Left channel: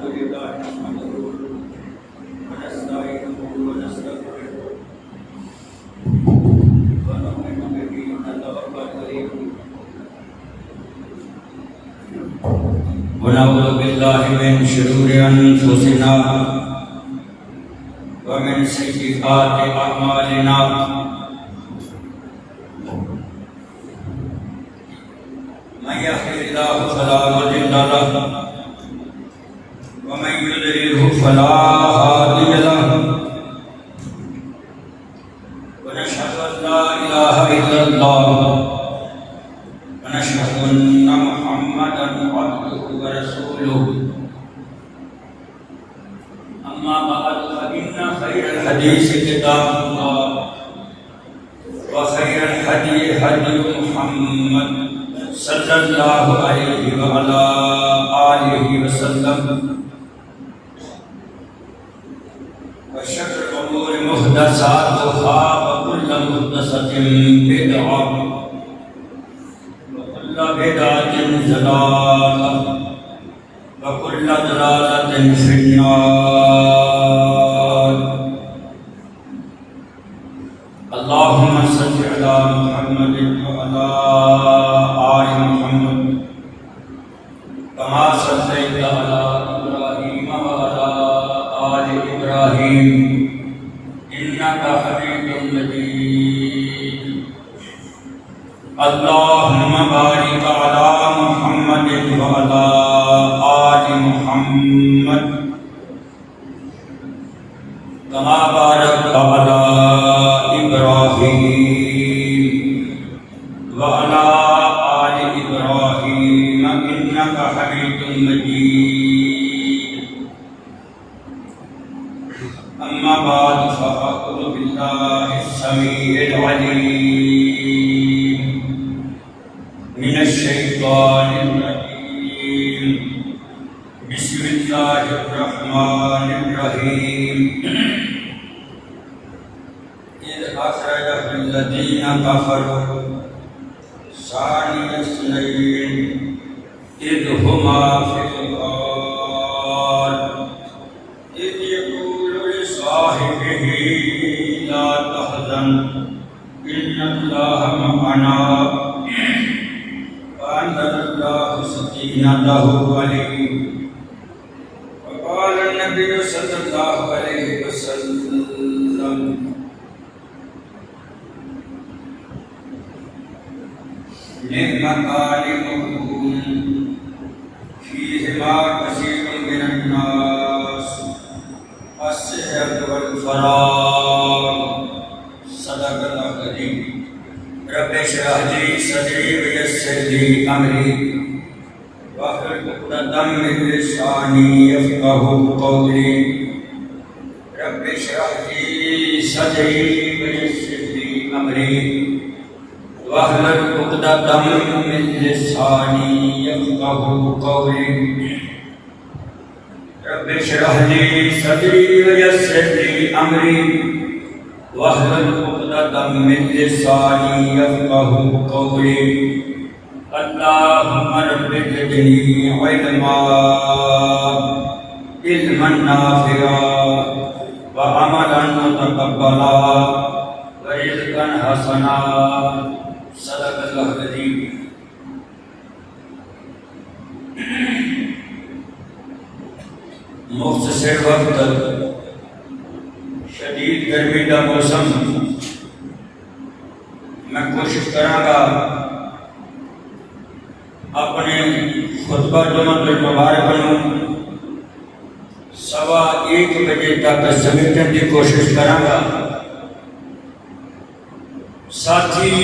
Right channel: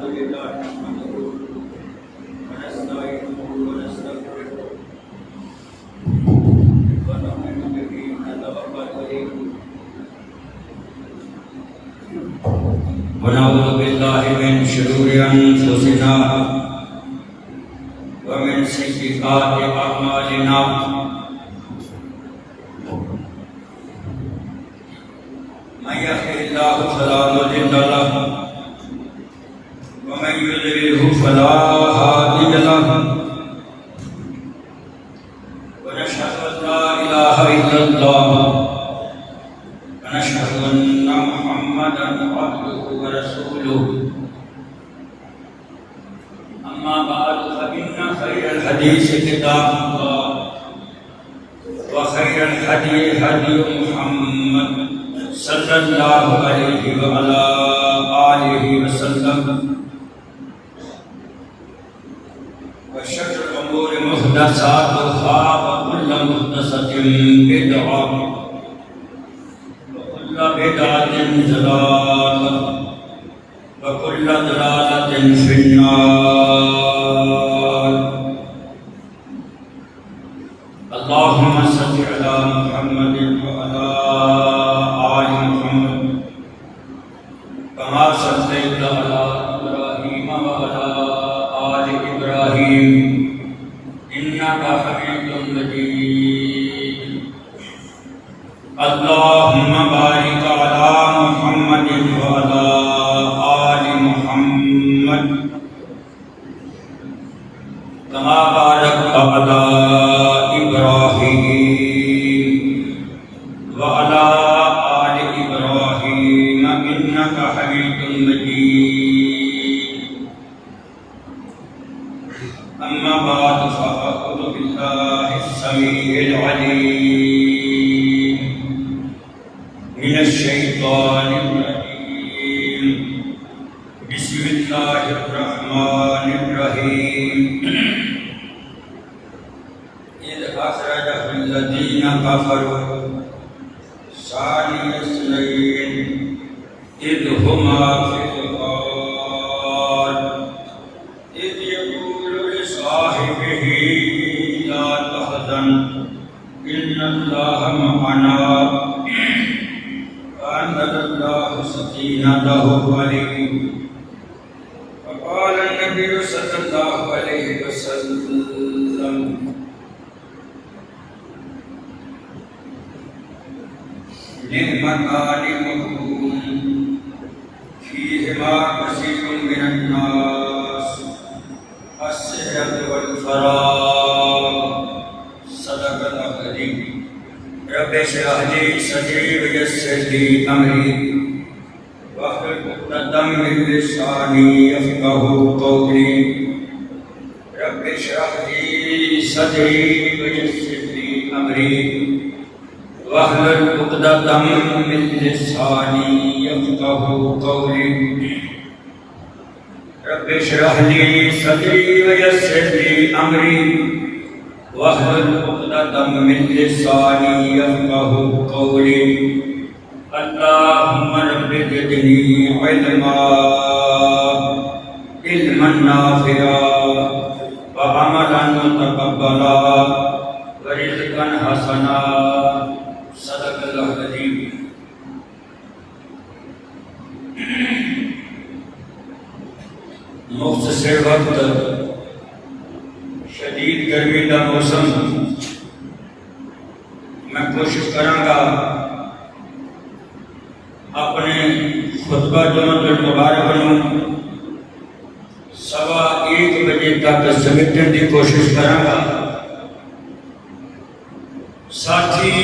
الحمد لله نحمده ونستعينه ونستغفره ونؤمن به ونتوكل عليه ونعوذ بالله من شرور أنفسنا ومن سيئات أعمالنا من يهده الله فلا مضل له ومن يضلله فلا هادي له ونشهد أن لا إله إلا الله ونشهد أن محمدا عبده ورسوله أما بعد فإن خير الحديث كتاب الله وخير الهدي هدي محمد صلى الله عليه وعلى آله وسلم وشر الأمور محدثاتها وكل محدثة بدعة وكل بدعة ضلالة وكل ضلالة في النار. اللهم صل على محمد وعلى آل محمد كما صليت على إبراهيم وعلى آل إبراهيم إنك حميد مجيد. اللهم بارك على محمد وعلى آل محمد كما باركت على إبراهيم وعلى آل إبراهيم إنك حميد مجيد. أما بعد فأعوذ بالله السميع العليم من الشيطان الرجيم. بسم الله الرحمن الرحيم. إذ أخرجه الذين كفروا ثاني اثنين إذ هما في الغار إذ يقول لصاحبه لا تحزن إن الله معنا فأنزل الله سكينته عليه. وقال النبي صلى الله عليه وسلم نعمتان مغبون فيهما كثير من الناس الصحة والفراغ. صدق الله العظيم. رب اشرح لي صدري ويسر لي أمري واحلل عقدة من لساني يفقهوا قولي. رب اشرح لي صدري ويسر لي أمري واحلل عقدة من لساني يفقهوا قولي. رب اشرح لي صدري ويسر لي أمري واحلل عقدة من لساني يفقهوا قولي. اللهم رب زدني علما نافعا وعملا متقبلا ورزقا حسنا. صدق اللہ العظیم. مختصر وقت شدید گرمی کا موسم میں کوشش کراں گا اپنے خطبہ جمعۃ المبارک نوں 1:15 بجے تک سمیٹن کی کوشش کراں گا. ساتھی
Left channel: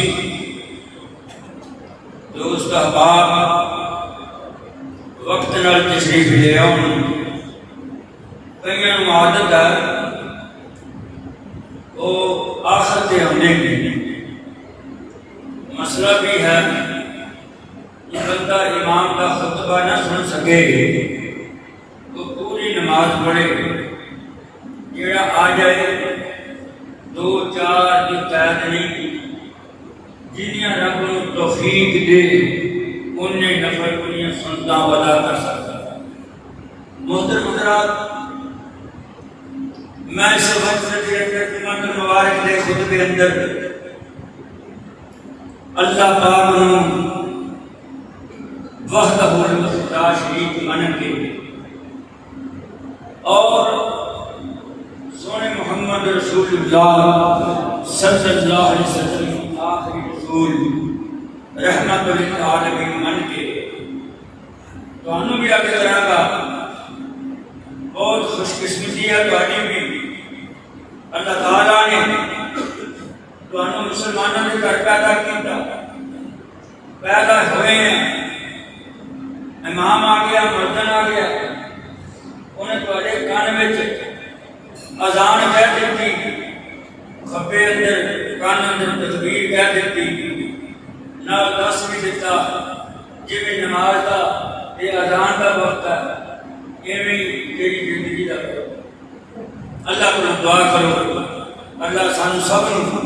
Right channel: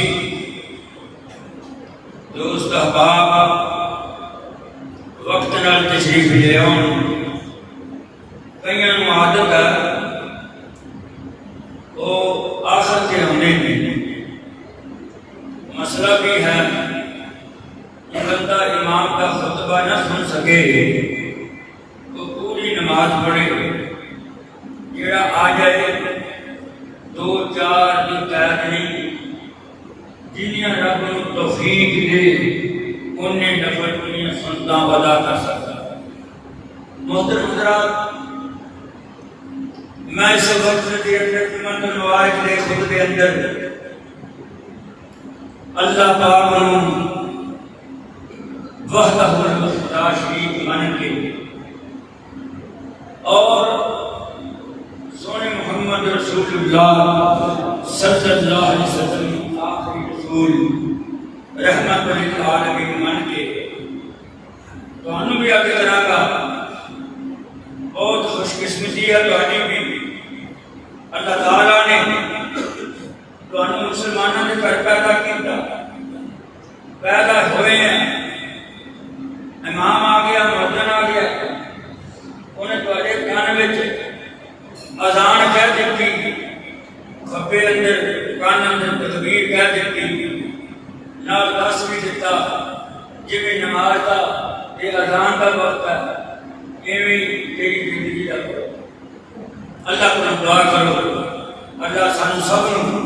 دوست احباب وقت نال تشریف لے آؤ. کئی عادت ہے وہ آخر کے ہونے کی. مسئلہ بھی ہے کہ بندہ امام کا خطبہ نہ سن سکے تو پوری نماز پڑھے. جڑا آ جائے 2-4 جو قید نہیں جنیاں رب توفیق دے انہیں نفل انہیں سنتا بدا کر سکتا. محترم حضرات، میں اس وقت کے اندر جمعۃ المبارک کے خطبے اندر اللہ پاک نوں وحدہ لا شریک من کے اور سونے محمد رسول اللہ صلی اللہ علیہ وسلم آخری رسول رحمت للعالمین من کے تانوں بھی آگے کراں گا۔ بہت خوش قسمتی ہے تہاڈی بھی، اللہ تعالیٰ نے تانوں مسلمانوں نے گھر پیدا کیتا، پیدا ہوئے ہیں، امام آ گیا، مردن آ گیا، انہیں تہاڈے کان وچ اذان کہہ دیتی، کھبے اندر کان اندر تکبیر کہہ دیتی، نال دس بھی دیتا جی نماز دا یہ اذان کا وقت ہے، ایویں تیری زندگی دا اللہ کو دعا کرو اللہ سانو سب نوں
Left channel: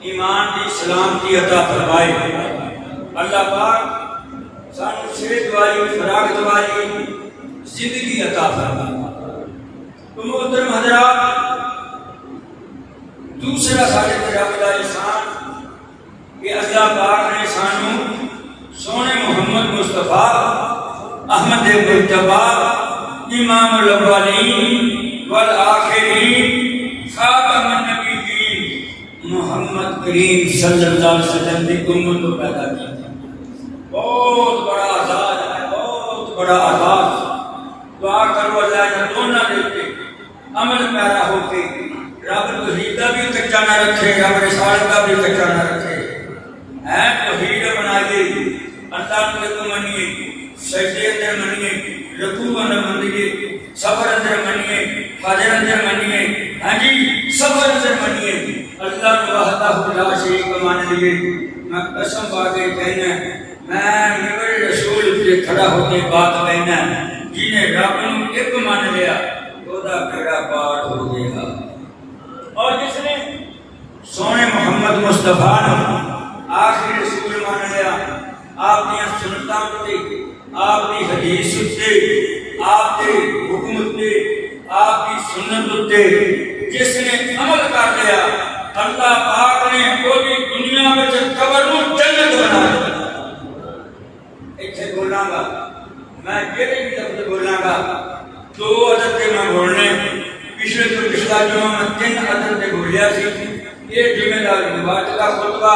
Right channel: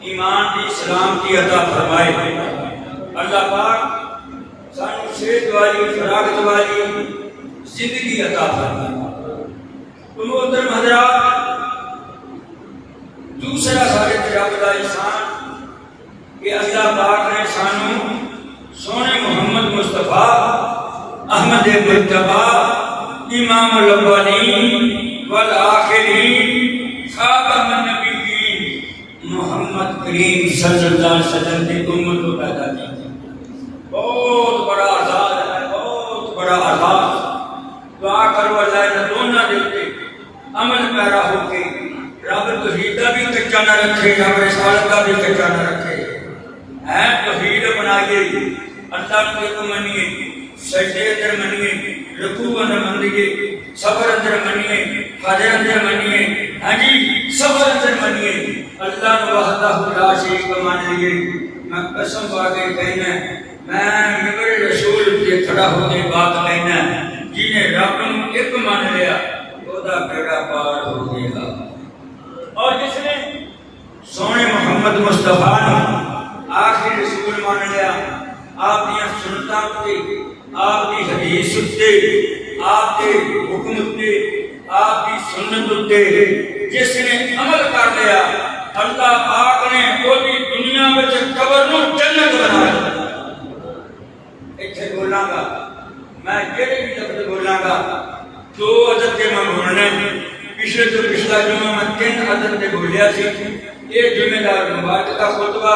ایمان دی سلامتی عطا فرمائے، اللہ پاک سانو صحت والی خوراک والی زندگی عطا فرمائے۔ تو محترم حضرات، دوسرا سارے رب دا احسان کہ اللہ پاک نے سانو سونے محمد مصطفیٰ احمد مجتبی امام الاولین والآخرین خاتم النبیین محمد کریم صلی اللہ علیہ وسلم کی امت کو پیدا کیا۔ بہت بڑا اعزاز ہے، بہت بڑا اعزاز۔ دعا کرو اللہ نے دونوں دیتے عمل پیرا ہو کے رب توحید کا بھی کچا نہ رکھے، رب رسالت کا بھی کچا نہ رکھے، ہے توحید بنائیے، اللہ کو منیے، سجدے اندر منیے، رکوع اندر منیے، صبر اندر منیے، حاضر اندر منیے، ہاں جی صبر اندر منیے، اللہ نے وحدہ لا شریک مان لیے۔ میں قسم پا کے کہنا، میں ممبر رسول سے کھڑا ہو کے بات کہنا، جنہیں رب نوں ایک مان لیا وہ دا بیڑا پار ہو گیا، اور جس نے سونے محمد مصطفیٰ نے آخری رسول مان لیا، آپ دیا سنتاں تے، آپ دی حدیث تے، آپ دے حکم تے، آپ دی سنت تے جس نے عمل کر لیا، اللہ پاک نے پوری دنیا میں قبر نوں جنت بنایا۔ ایتھے بولاں گا میں جڑے بھی لفظ بولاں گا دو عدد کے میں بولنے، پچھلے تو پچھلا جمعہ میں 3 عدد کے بولیا سی، یہ جمعہ مبارک کا خطبہ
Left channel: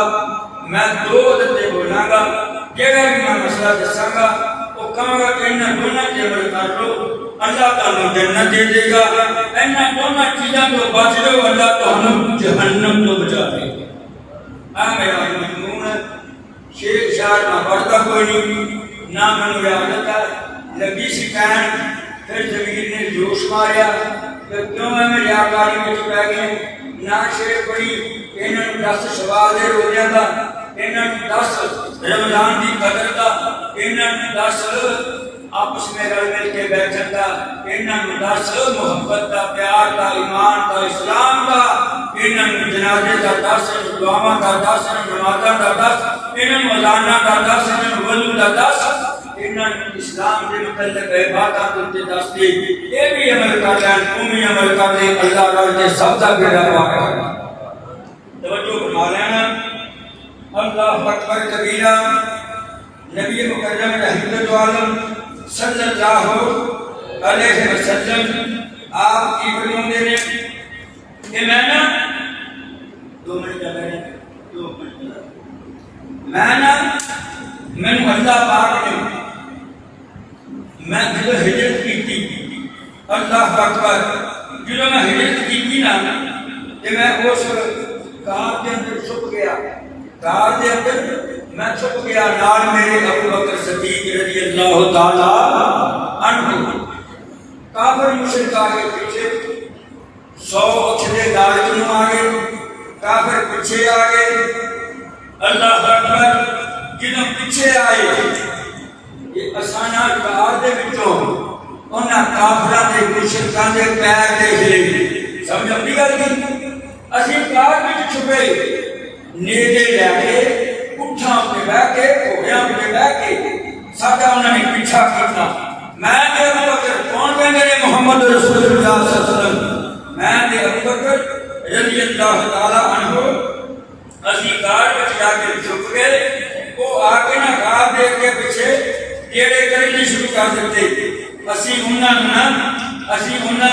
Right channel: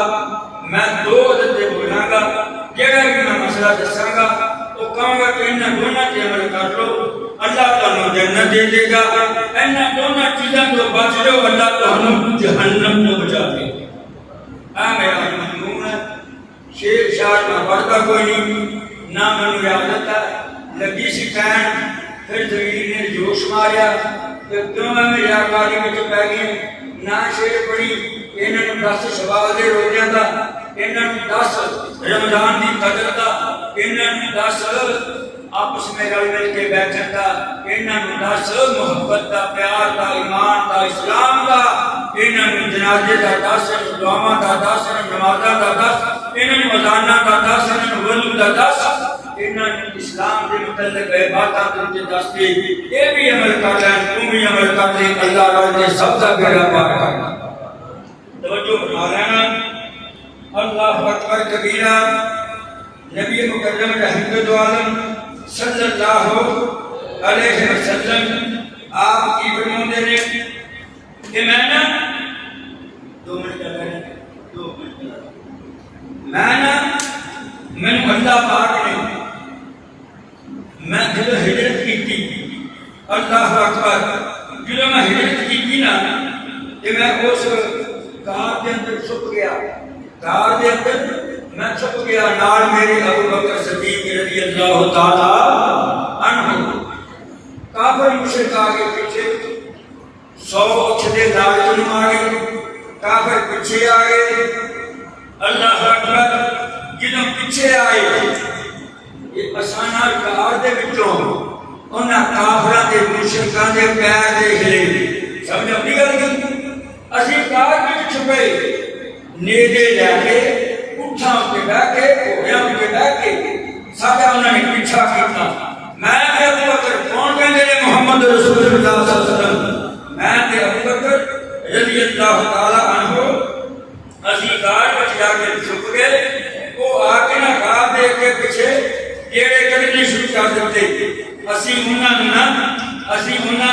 میں 2 عدد کے بولاں گا، جگہ بھی میں مسئلہ دساں گا، وہ کہوں گا کہ انہاں دونوں تے عمل کر لو اللہ تعالیٰ جنت دے دے گا، انہاں دونوں چیزاں تو بچ لو اللہ تمہیں جہنم تو بچا دے گا۔ میرا مضمون ہے، شیر شعر میں پڑھتا کوئی نہیں، نہ مجھے یاد ہے، لگی سی کہن، پھر زمین نے جوش ماریا کہ کیوں میں ریاکاری میں پی گئی، نہ شیر پڑھی، انہوں نے 10 سوال دے روزے دا، انہوں نے 10 رمضان دی قدر دا، انہوں نے 10 آپس میں رل مل کے بیٹھن دا، انہوں نے 10 محبت دا، پیار دا، ایمان دا، اسلام دا، انہوں نے جنازے دا 10، دعاواں دا 10، نمازاں دا 10، انہوں نے اذاناں دا 10، انہوں نے وضو دا 10، انہوں نے اسلام کے متعلق عبادات کے 10 دے، یہ بھی عمل کر لیں، تم بھی عمل کر لیں، اللہ تعالیٰ سب کا بیڑا پار کرے۔ توجہ فرما لینا، اللہ اکبر کبیرہ، نبی مکرم رحمت عالم صلی اللہ علیہ وسلم آپ کی فرماتے ہیں کہ میں نے 2 منٹ کا رہے 2 منٹ میں نے اللہ پاک نے میں جب ہجرت کی تھی، اللہ اکبر، جب میں ہجرت کی تھی نا کہ میں اس غار کے اندر چھپ گیا، غار کے اندر میں چھپ گیا، نال میرے ابو بکر صدیق رضی اللہ تعالی عنہ، کافر مشرک آگے پیچھے 100 اچھلے دعوت آ گئے، کافر پیچھے آ گئے، اللہ اکبر، جنہوں پیچھے آئے یہ اسانا غار دے وچوں انہاں کافراں دے مشرکاں دے پیر دیکھ لے، سمجھ نہیں گل کی، اسی غار وچ چھپے، نیزے لے کے اٹھاں پہ بیٹھ کے گھوڑیاں پہ بیٹھ کے ساڈا انہوں نے پیچھا کیتا، میں ابو بکر کون کون کہندے نے محمد رسول اللہ صلی اللہ علیہ وسلم؟ میں تے ابو بکر رضی اللہ تعالی عنہ اسی گار وچ جا کے چھپ گئے، وہ آ کے نہ گار دے کے پیچھے جیڑے کرنے شروع کر دیتے، اسی انہاں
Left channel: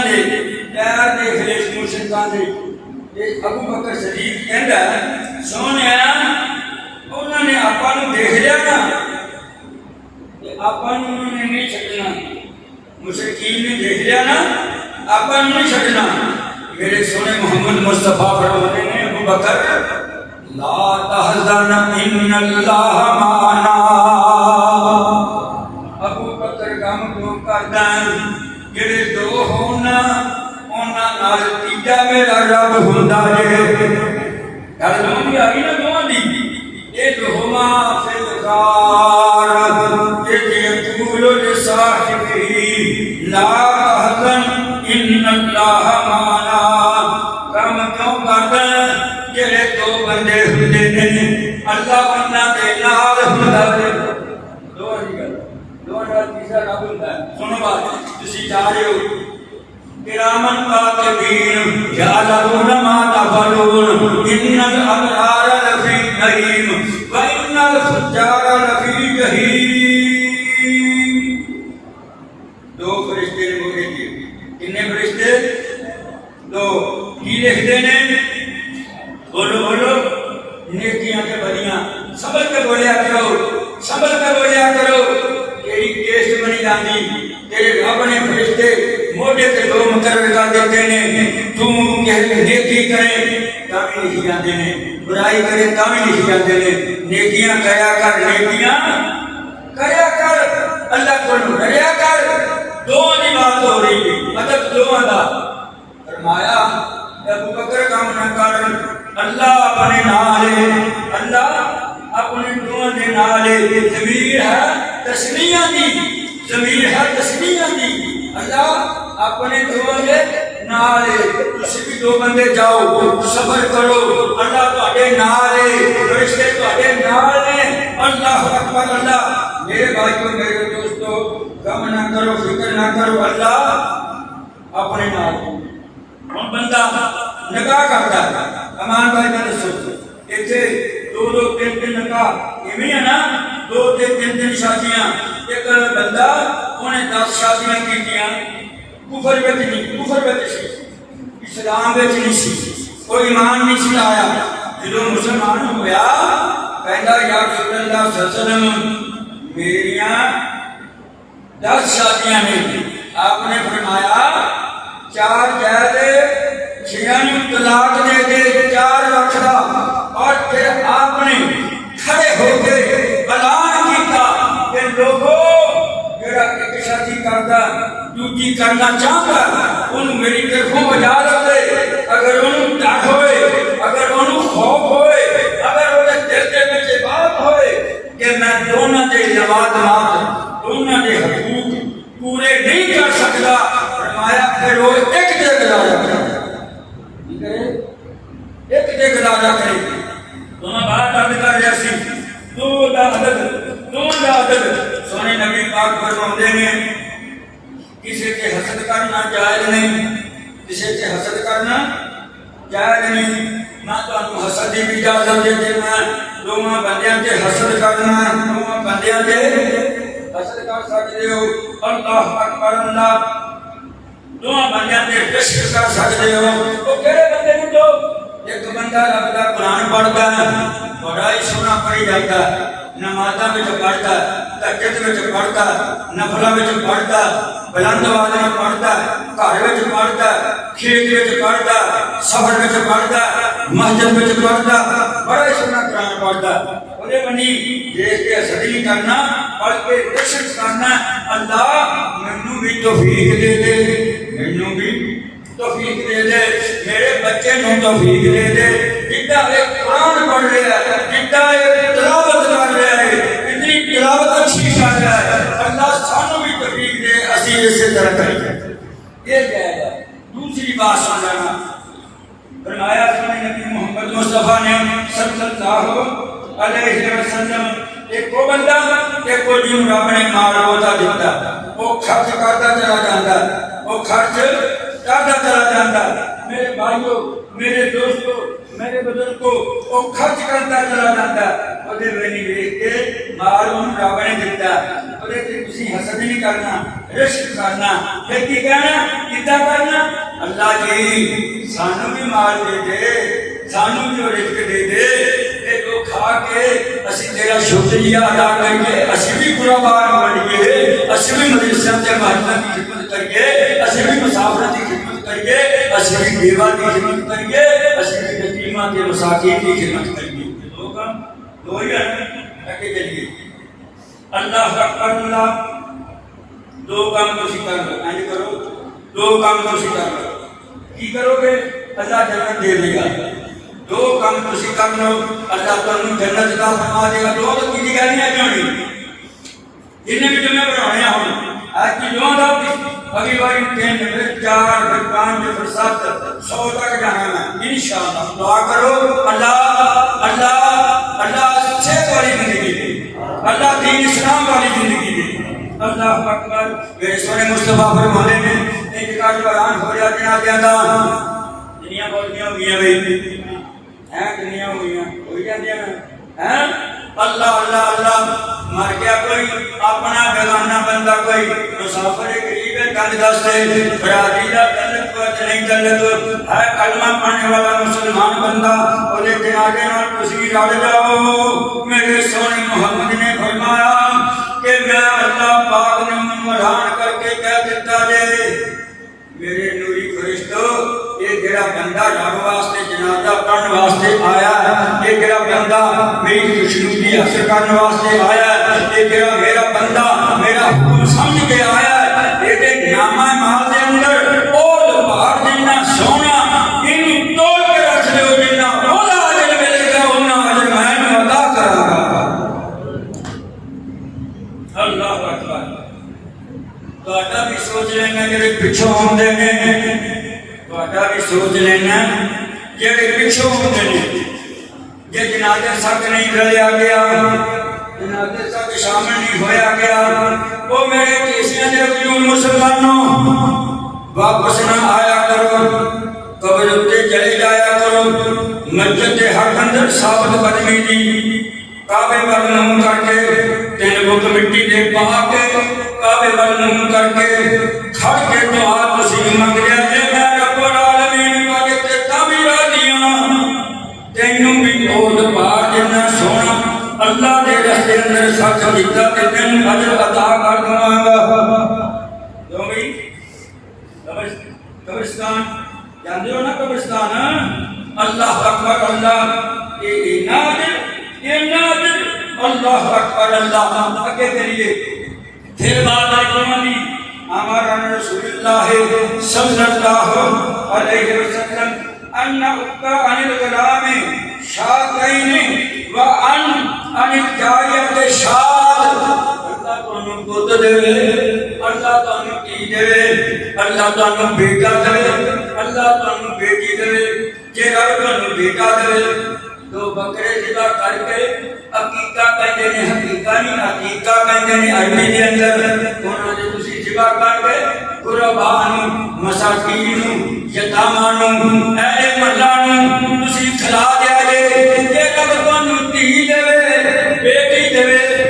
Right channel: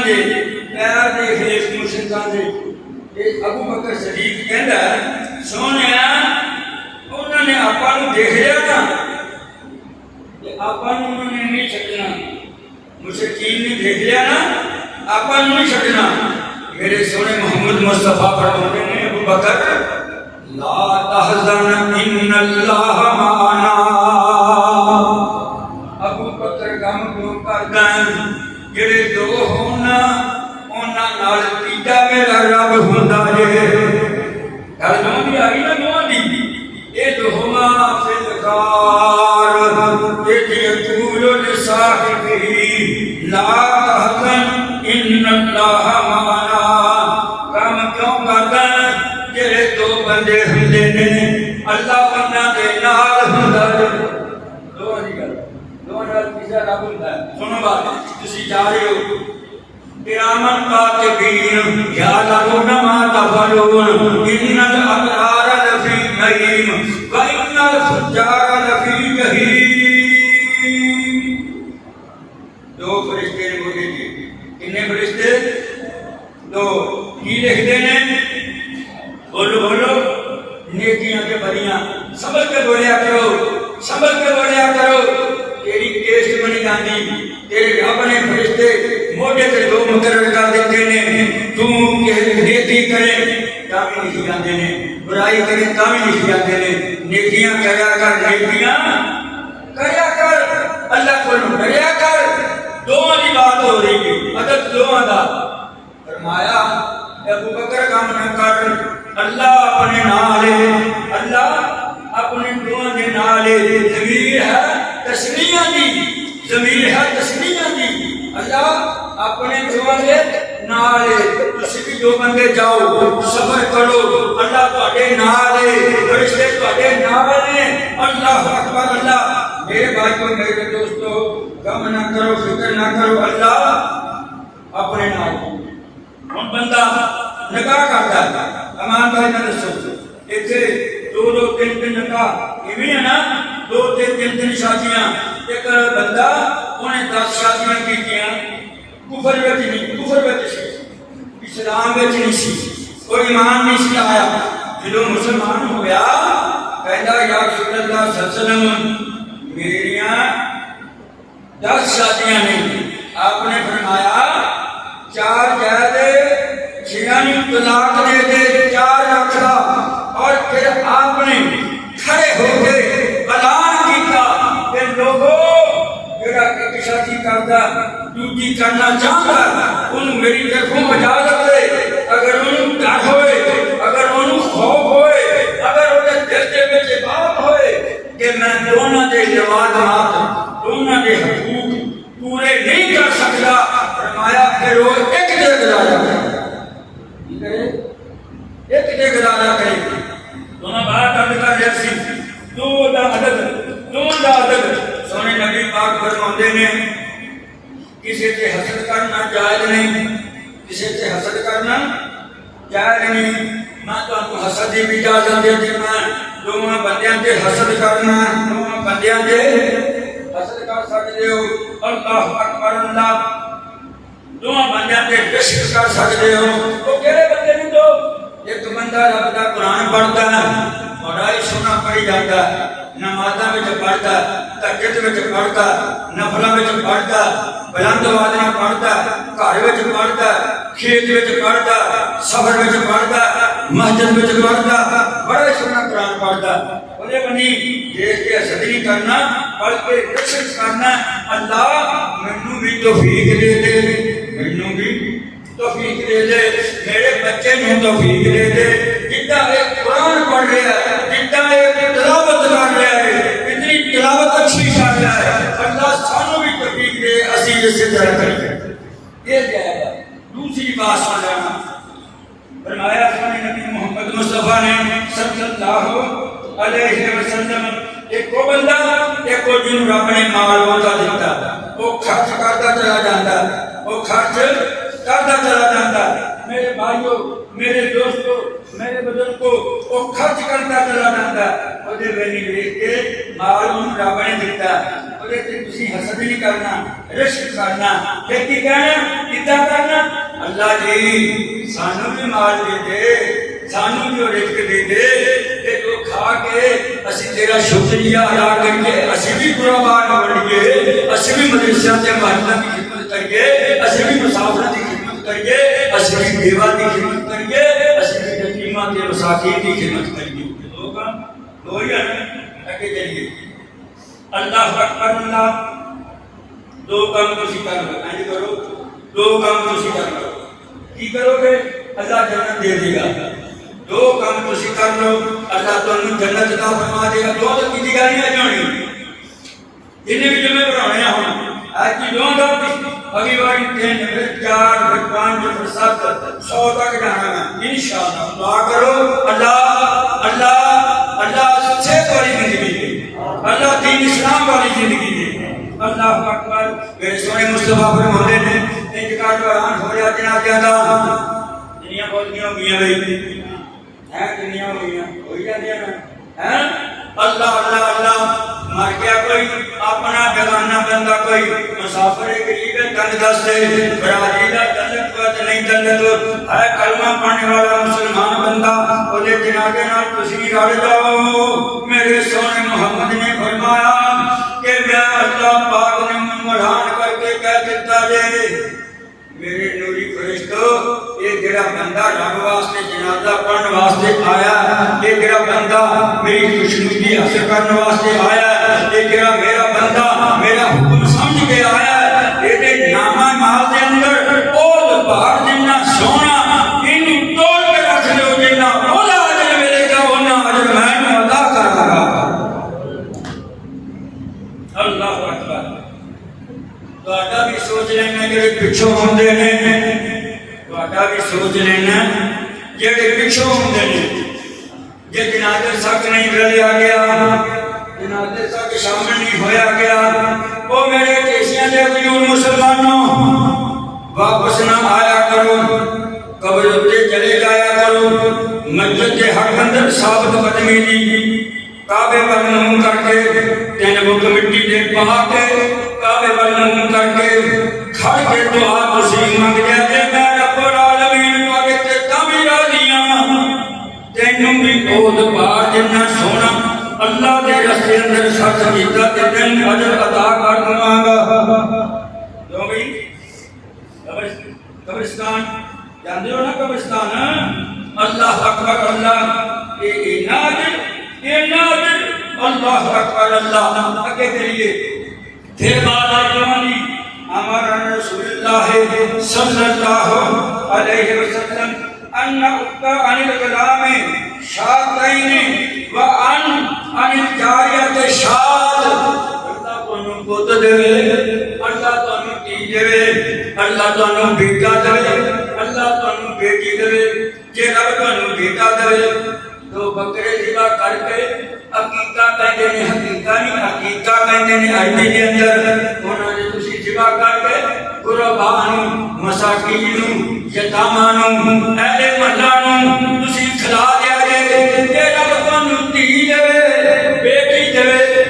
دے پیر دے خلاف مشرکاں دے۔ ابو بکر صدیق کہندا سونیا انہوں نے آپاں نوں دیکھ لیا نا تے آپاں نوں انہوں نے نہیں چھڈنا، مشرکین نے دیکھ لیا نا آپاں نوں نہیں چھڈنا۔ میرے سونے محمد مصطفیٰ فرماتے ہیں ابو بکر لا تحزن ان اللہ معنا، ابو بکر غم کیوں کردا ہے؟ جڑے دو ہونا انہاں نال تیجا میرا رب ہوندا ہے۔ گل نوں بھی آئی نا دوواں دی، اے دوہما فدکار یقول لصاحبہ لا تحزن ان اللہ معنا، غم کیوں کردا ہے؟ جڑے دو بندے ہوندے نے اللہ انہاں دے نال ہوندا ہے۔ دو دی گل دو نال تیجا رب ہوندا ہے۔ سنو بات، تسی جا رہے ہو کرامن کاتبین یعلمون ما تفعلون ان الابرار لفی نعیم وان الفجار لفی جحیم۔ دو فرشتے بولے گے، کتنے فرشتے؟ دو۔ کی لکھتے ہیں؟ بولو بولو، نیکیاں کے بریاں۔ سمجھ کے بولیا کرو، سمجھ کے بولیا کرو، تیری کیس بنی جاندی، تیرے رب نے فرشتے موٹے سے دو مقرر کر دیتے ہیں، تو نیکی کرے تاں بھی لکھی جاندے نے، برائی کرے تاں بھی لکھی جاندے نے۔ نیکیاں کریا کر، نیکیاں کریا کر، اللہ کو ڈریا کر۔ دونوں کی بات ہو رہی ہے، ادب دونوں کا۔ فرمایا ابو بکر کام نہ کر، اللہ اپنے نال ہے، اللہ اپنے دونوں کے نال ہے۔ ضمیر ہے تسمیہ دی، ضمیر ہے تسمیہ دی، اللہ اپنے دونوں کے نال ہے۔ تسی بھی دو بندے جاؤ، صبر کرو، اللہ تہاڈے نال ہے، فرشتے تہاڈے نال ہیں۔ اللہ اکبر، اللہ۔ میرے بھائیو میرے دوستو، غم نہ کرو، فکر نہ کرو، اللہ اپنے نال۔ ہن بندہ نکاح کرتا ہے، امان بھائی نے سوچو ایتھے دو دو تین تین نکاح ایویں ہے نا، دو تین تین شادیاں۔ ایک بندہ انہیں 10 شادیاں کیتیاں، کفر وچ نہیں، کفر وچ اسلام وچ نہیں سی، کوئی ایمان نہیں سی آیا۔ جدوں مسلمان ہویا کہندا یا رسول اللہ صلی اللہ علیہ وسلم میریاں 10 شادیاں نے۔ آپ نے فرمایا 4 جائز 6 طلاق دے دے، 4 رکھا۔ اور پھر آپ نے کھڑے ہو کے اعلان کیتا کہ لوگوں جڑا ایک شادی کردا دوسری کرنا چاہتا انہوں میری طرفوں اجازت دے۔ اگر انہوں ڈر ہوئے، اگر انہوں خوف ہوئے، اگر انہیں دل دے وچ بات ہوئے کہ میں دونوں دے لوازمات، دونوں دے حقوق پورے نہیں کر سکتا، فرمایا پھر وہ ایک دے گزارا کرے، ایک دے گزارا کرے۔ دونوں باہر بند کر رہے سی، دو دا عدد سونے نبی پاک فرماتے ہیں کسی سے حسد کرنا جائز نہیں، کسی سے حسد کرنا جائز نہیں۔ میں تمہیں حسد کی اجازت دے دینا، دونوں بندیاں سے حسد کرنا، دونوں بندیاں سے حسد کر سکتے ہو۔ اللہ اکبر، اللہ دونوں بندیاں سے عشق کر سکتے ہو۔ وہ کہڑے بندے نے؟ تو ایک بندہ رب کا قرآن پڑھتا ہے، بڑا ہی سونا پڑھی جاتا ہے، نمازاں وچ پڑھتا ہے، تہجد وچ پڑھتا ہے، نفلاں وچ پڑھتا ہے، بلند آواز میں پڑھتا ہے، گھر وچ پڑھتا ہے، کھیت وچ پڑھتا ہے، سفر وچ پڑھتا ہے، مسجد وچ پڑھتا ہے، بڑا ہی سونا قرآن پڑھتا ہے۔ وہ بنی دیکھ کے حسد نہیں کرنا بلکہ عشق کرنا۔ اللہ مینوں بھی توفیق دے دے، مینوں بھی توفیق دے دے، میرے بچے نوں توفیق دے دے، جتنا ایک قرآن پڑھ رہا ہے، جتنا ایک تلاوت کر رہا ہے، اتنی تلاوت اچھی کر رہا ہے، اللہ سانوں بھی توفیق دے، اسی اسی طرح کریں۔ یہ جائے گا۔ دوسری بات سن لینا، فرمایا سونے نبی محمد مصطفیٰ نے صلی اللہ علیہ وسلم ایک کو بندہ ایک کو جن رب نے مال ہوتا دیتا وہ خرچ کرتا چلا جاتا وہ خرچ کرتا چلا جاتا میرے بھائیوں میرے دوستوں میرے بزرگوں وہ خرچ کرتا چلا جاتا وہ ویلی ویچ کے مال انہوں رب نے دیتا وہ تھی حسد نہیں کرنا رشک کرنا یہ کی کہنا کتا کرنا اللہ جی سانو بھی مال دے دے سانو بھی رزق دے دے کہ جو کھا کے اسی تیرا شکریہ ادا کریے اسی بھی قربان بنیے اسی بھی مدرسہ سے محلہ کی خدمت کریے اسی بھی مسافر کی خدمت کریے اسی بھی بیوہ کی خدمت کریے اسی بھی یتیمہ کے مساکین کی خدمت کریے دو کام دو ہی رکھے چلیے اللہ اکبر اللہ دو کام تسی کر لو یعنی کرو دو کام تسی کر لو کی کرو گے اللہ جنت دے دے گا دو کام تسی کر لو اللہ تمہیں جنت عطا فرما دے گا دو تو کی گالیاں کیوں نہیں انہیں بھی جمعے بنانے ہوں آج کی دو دو اگلی بار تین پھر چار پھر پانچ پھر سات 100 تک جانا ہے انشاءاللہ دعا کرو اللہ اللہ اللہ صحت والی زندگی دے اللہ دین اسلام والی زندگی دے اللہ اکبر میرے سونے مصطفیٰ پر بولے نے انتقال قرآن ہو جاتے ہیں آتے ہیں دنیا بولتیاں ہوگی بھائی دنیا ہوئی جاتی ہے اللہ اللہ اللہ مر گیا کوئی اپنا جگانا بندہ کوئی مسافر غریب ہے کنج دستے برادری کا تعلق کو نہیں تعلق ہے کلمہ پڑھنے والا مسلمان بندہ بولے جنازے نال تسی گڑ جاؤ میرے سونے محمد نے فرمایا کہ میں اللہ پاک نے ممران کر کے کہہ دیتا جے میرے نوری فرشتو یہ جڑا بندہ رب واسطے جنازہ پڑھن واسطے آیا ہے یہ جڑا بندہ میری خوشنودی حاصل کرنے واسطے آیا ہے یہ جڑا میرا بندہ میرا حکم سمجھ کے آیا ہے یہ نامہ مال دے اندر اور پہاڑ جنہ سونا ان توڑ کے رکھ لو جنہ اولا اجر ملے گا اونا اجر میں ادا کراں گا اللہ اکبر تہاڈا بھی سوچ لینا جڑے پچھوں ہوندے نے تہاڈا بھی سوچ لینا جڑے پچھوں ہوندے نے جے جنازے تک نہیں گلیا گیا جنازے تک شامل نہیں ہویا گیا وہ میرے کیسیاں دے وجود مسلمانوں واپس نہ آیا کرو قبر اتے چلے جایا کرو مسجد حق اندر ثابت قدمی دی کعبے پر منہ کر کے تین بک مٹی دے پا کے کعبے پر منہ کر کے کھڑ کے دعا تسی منگ دے جے میں رب العالمین پاکے تے تامی راضیاں تینوں بھی عہد پار جنہ سونا اللہ دے رستے اندر سچ کیتا تے تینوں اجر عطا کر دواں گا جو بھی قبرستان جاندے ہو نا قبرستان اللہ اکبر اللہ یہ نادر اللہ اکبر اللہ اگے کریے پھر بات ہے کمانی ہمارا رسول اللہ صلی اللہ علیہ وسلم ان اکا عن الغلام شاقین و ان الجاریت شاد اللہ تانوں پوت دے اللہ تانوں کی دے اللہ تانوں بیٹا دے اللہ تانوں بیٹی دے جے رب تانوں بیٹا دے دو بکرے ذبح کر کے عقیقہ کہندے نے حقیقہ نہیں عقیقہ کہندے نے عربی دے اندر انہاں نے تسی ذبح کر کے قربان مساکین یتیماں نوں اے محلہ نوں تسی کھلا دیا جے تے رب تانوں دھی دے بیٹی دے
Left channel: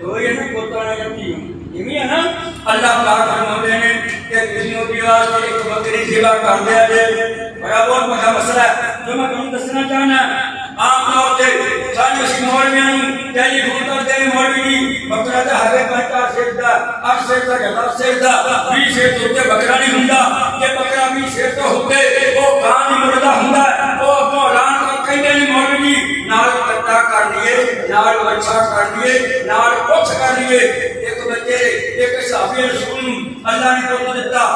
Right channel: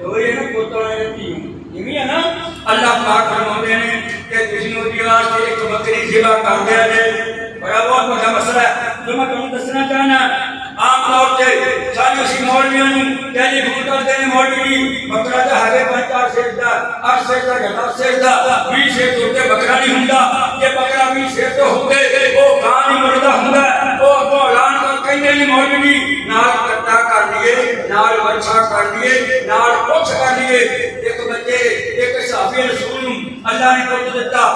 دو یہ نا پوتا یتیم یہ ہے نا اللہ پاک فرماتے ہیں کہ تسی اودی واسطے ایک بکری ذبح کر دیا جے بڑا بہت بڑا مسئلہ ہے جو میں تمہیں دسنا چاہنا عام طور سے سارے اسی مولویاں نوں ٹیلی فون کرتے ہیں مولوی جی بکرا دا ہرے 5 سیٹ دا 8 سیٹ دا 10 سیٹ دا 20 سیٹ ہوتے بکرا نہیں ہوندا یہ بکرا 20 سیٹ تو ہوتے وہ گاں نہیں مردا ہوندا وہ اگوں اعلان کر کہندے نے مولوی جی نال کٹا کر لیے نال ورچا کر لیے نال پوچھ کر لیے ایک بچے ایک صحابی رسول اللہ نے پوچھ دیتا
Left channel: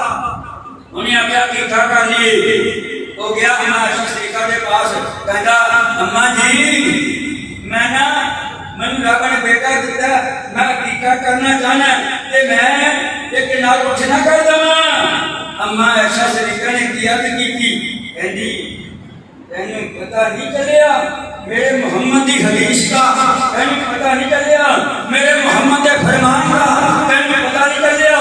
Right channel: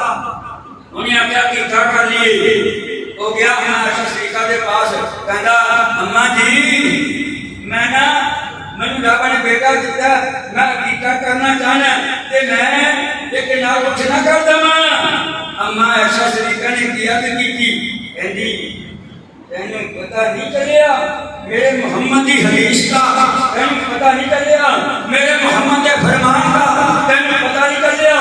انہیں کیا کیا کر لیے وہ گیا امام شریفہ کے پاس کہندا اماں جی میں نا مینوں رب نے بیٹا دیتا میں عقیقہ کرنا چاہنا تے میں ایک نال کچھ نہ کر دواں اماں ایسا شریفہ نے کیا کہ کہندی تینوں پتہ نہیں چلیا میرے محمد کی حدیث کا تینوں پتہ نہیں چلیا میرے محمد کے فرمان کا تینوں پتہ نہیں چلیا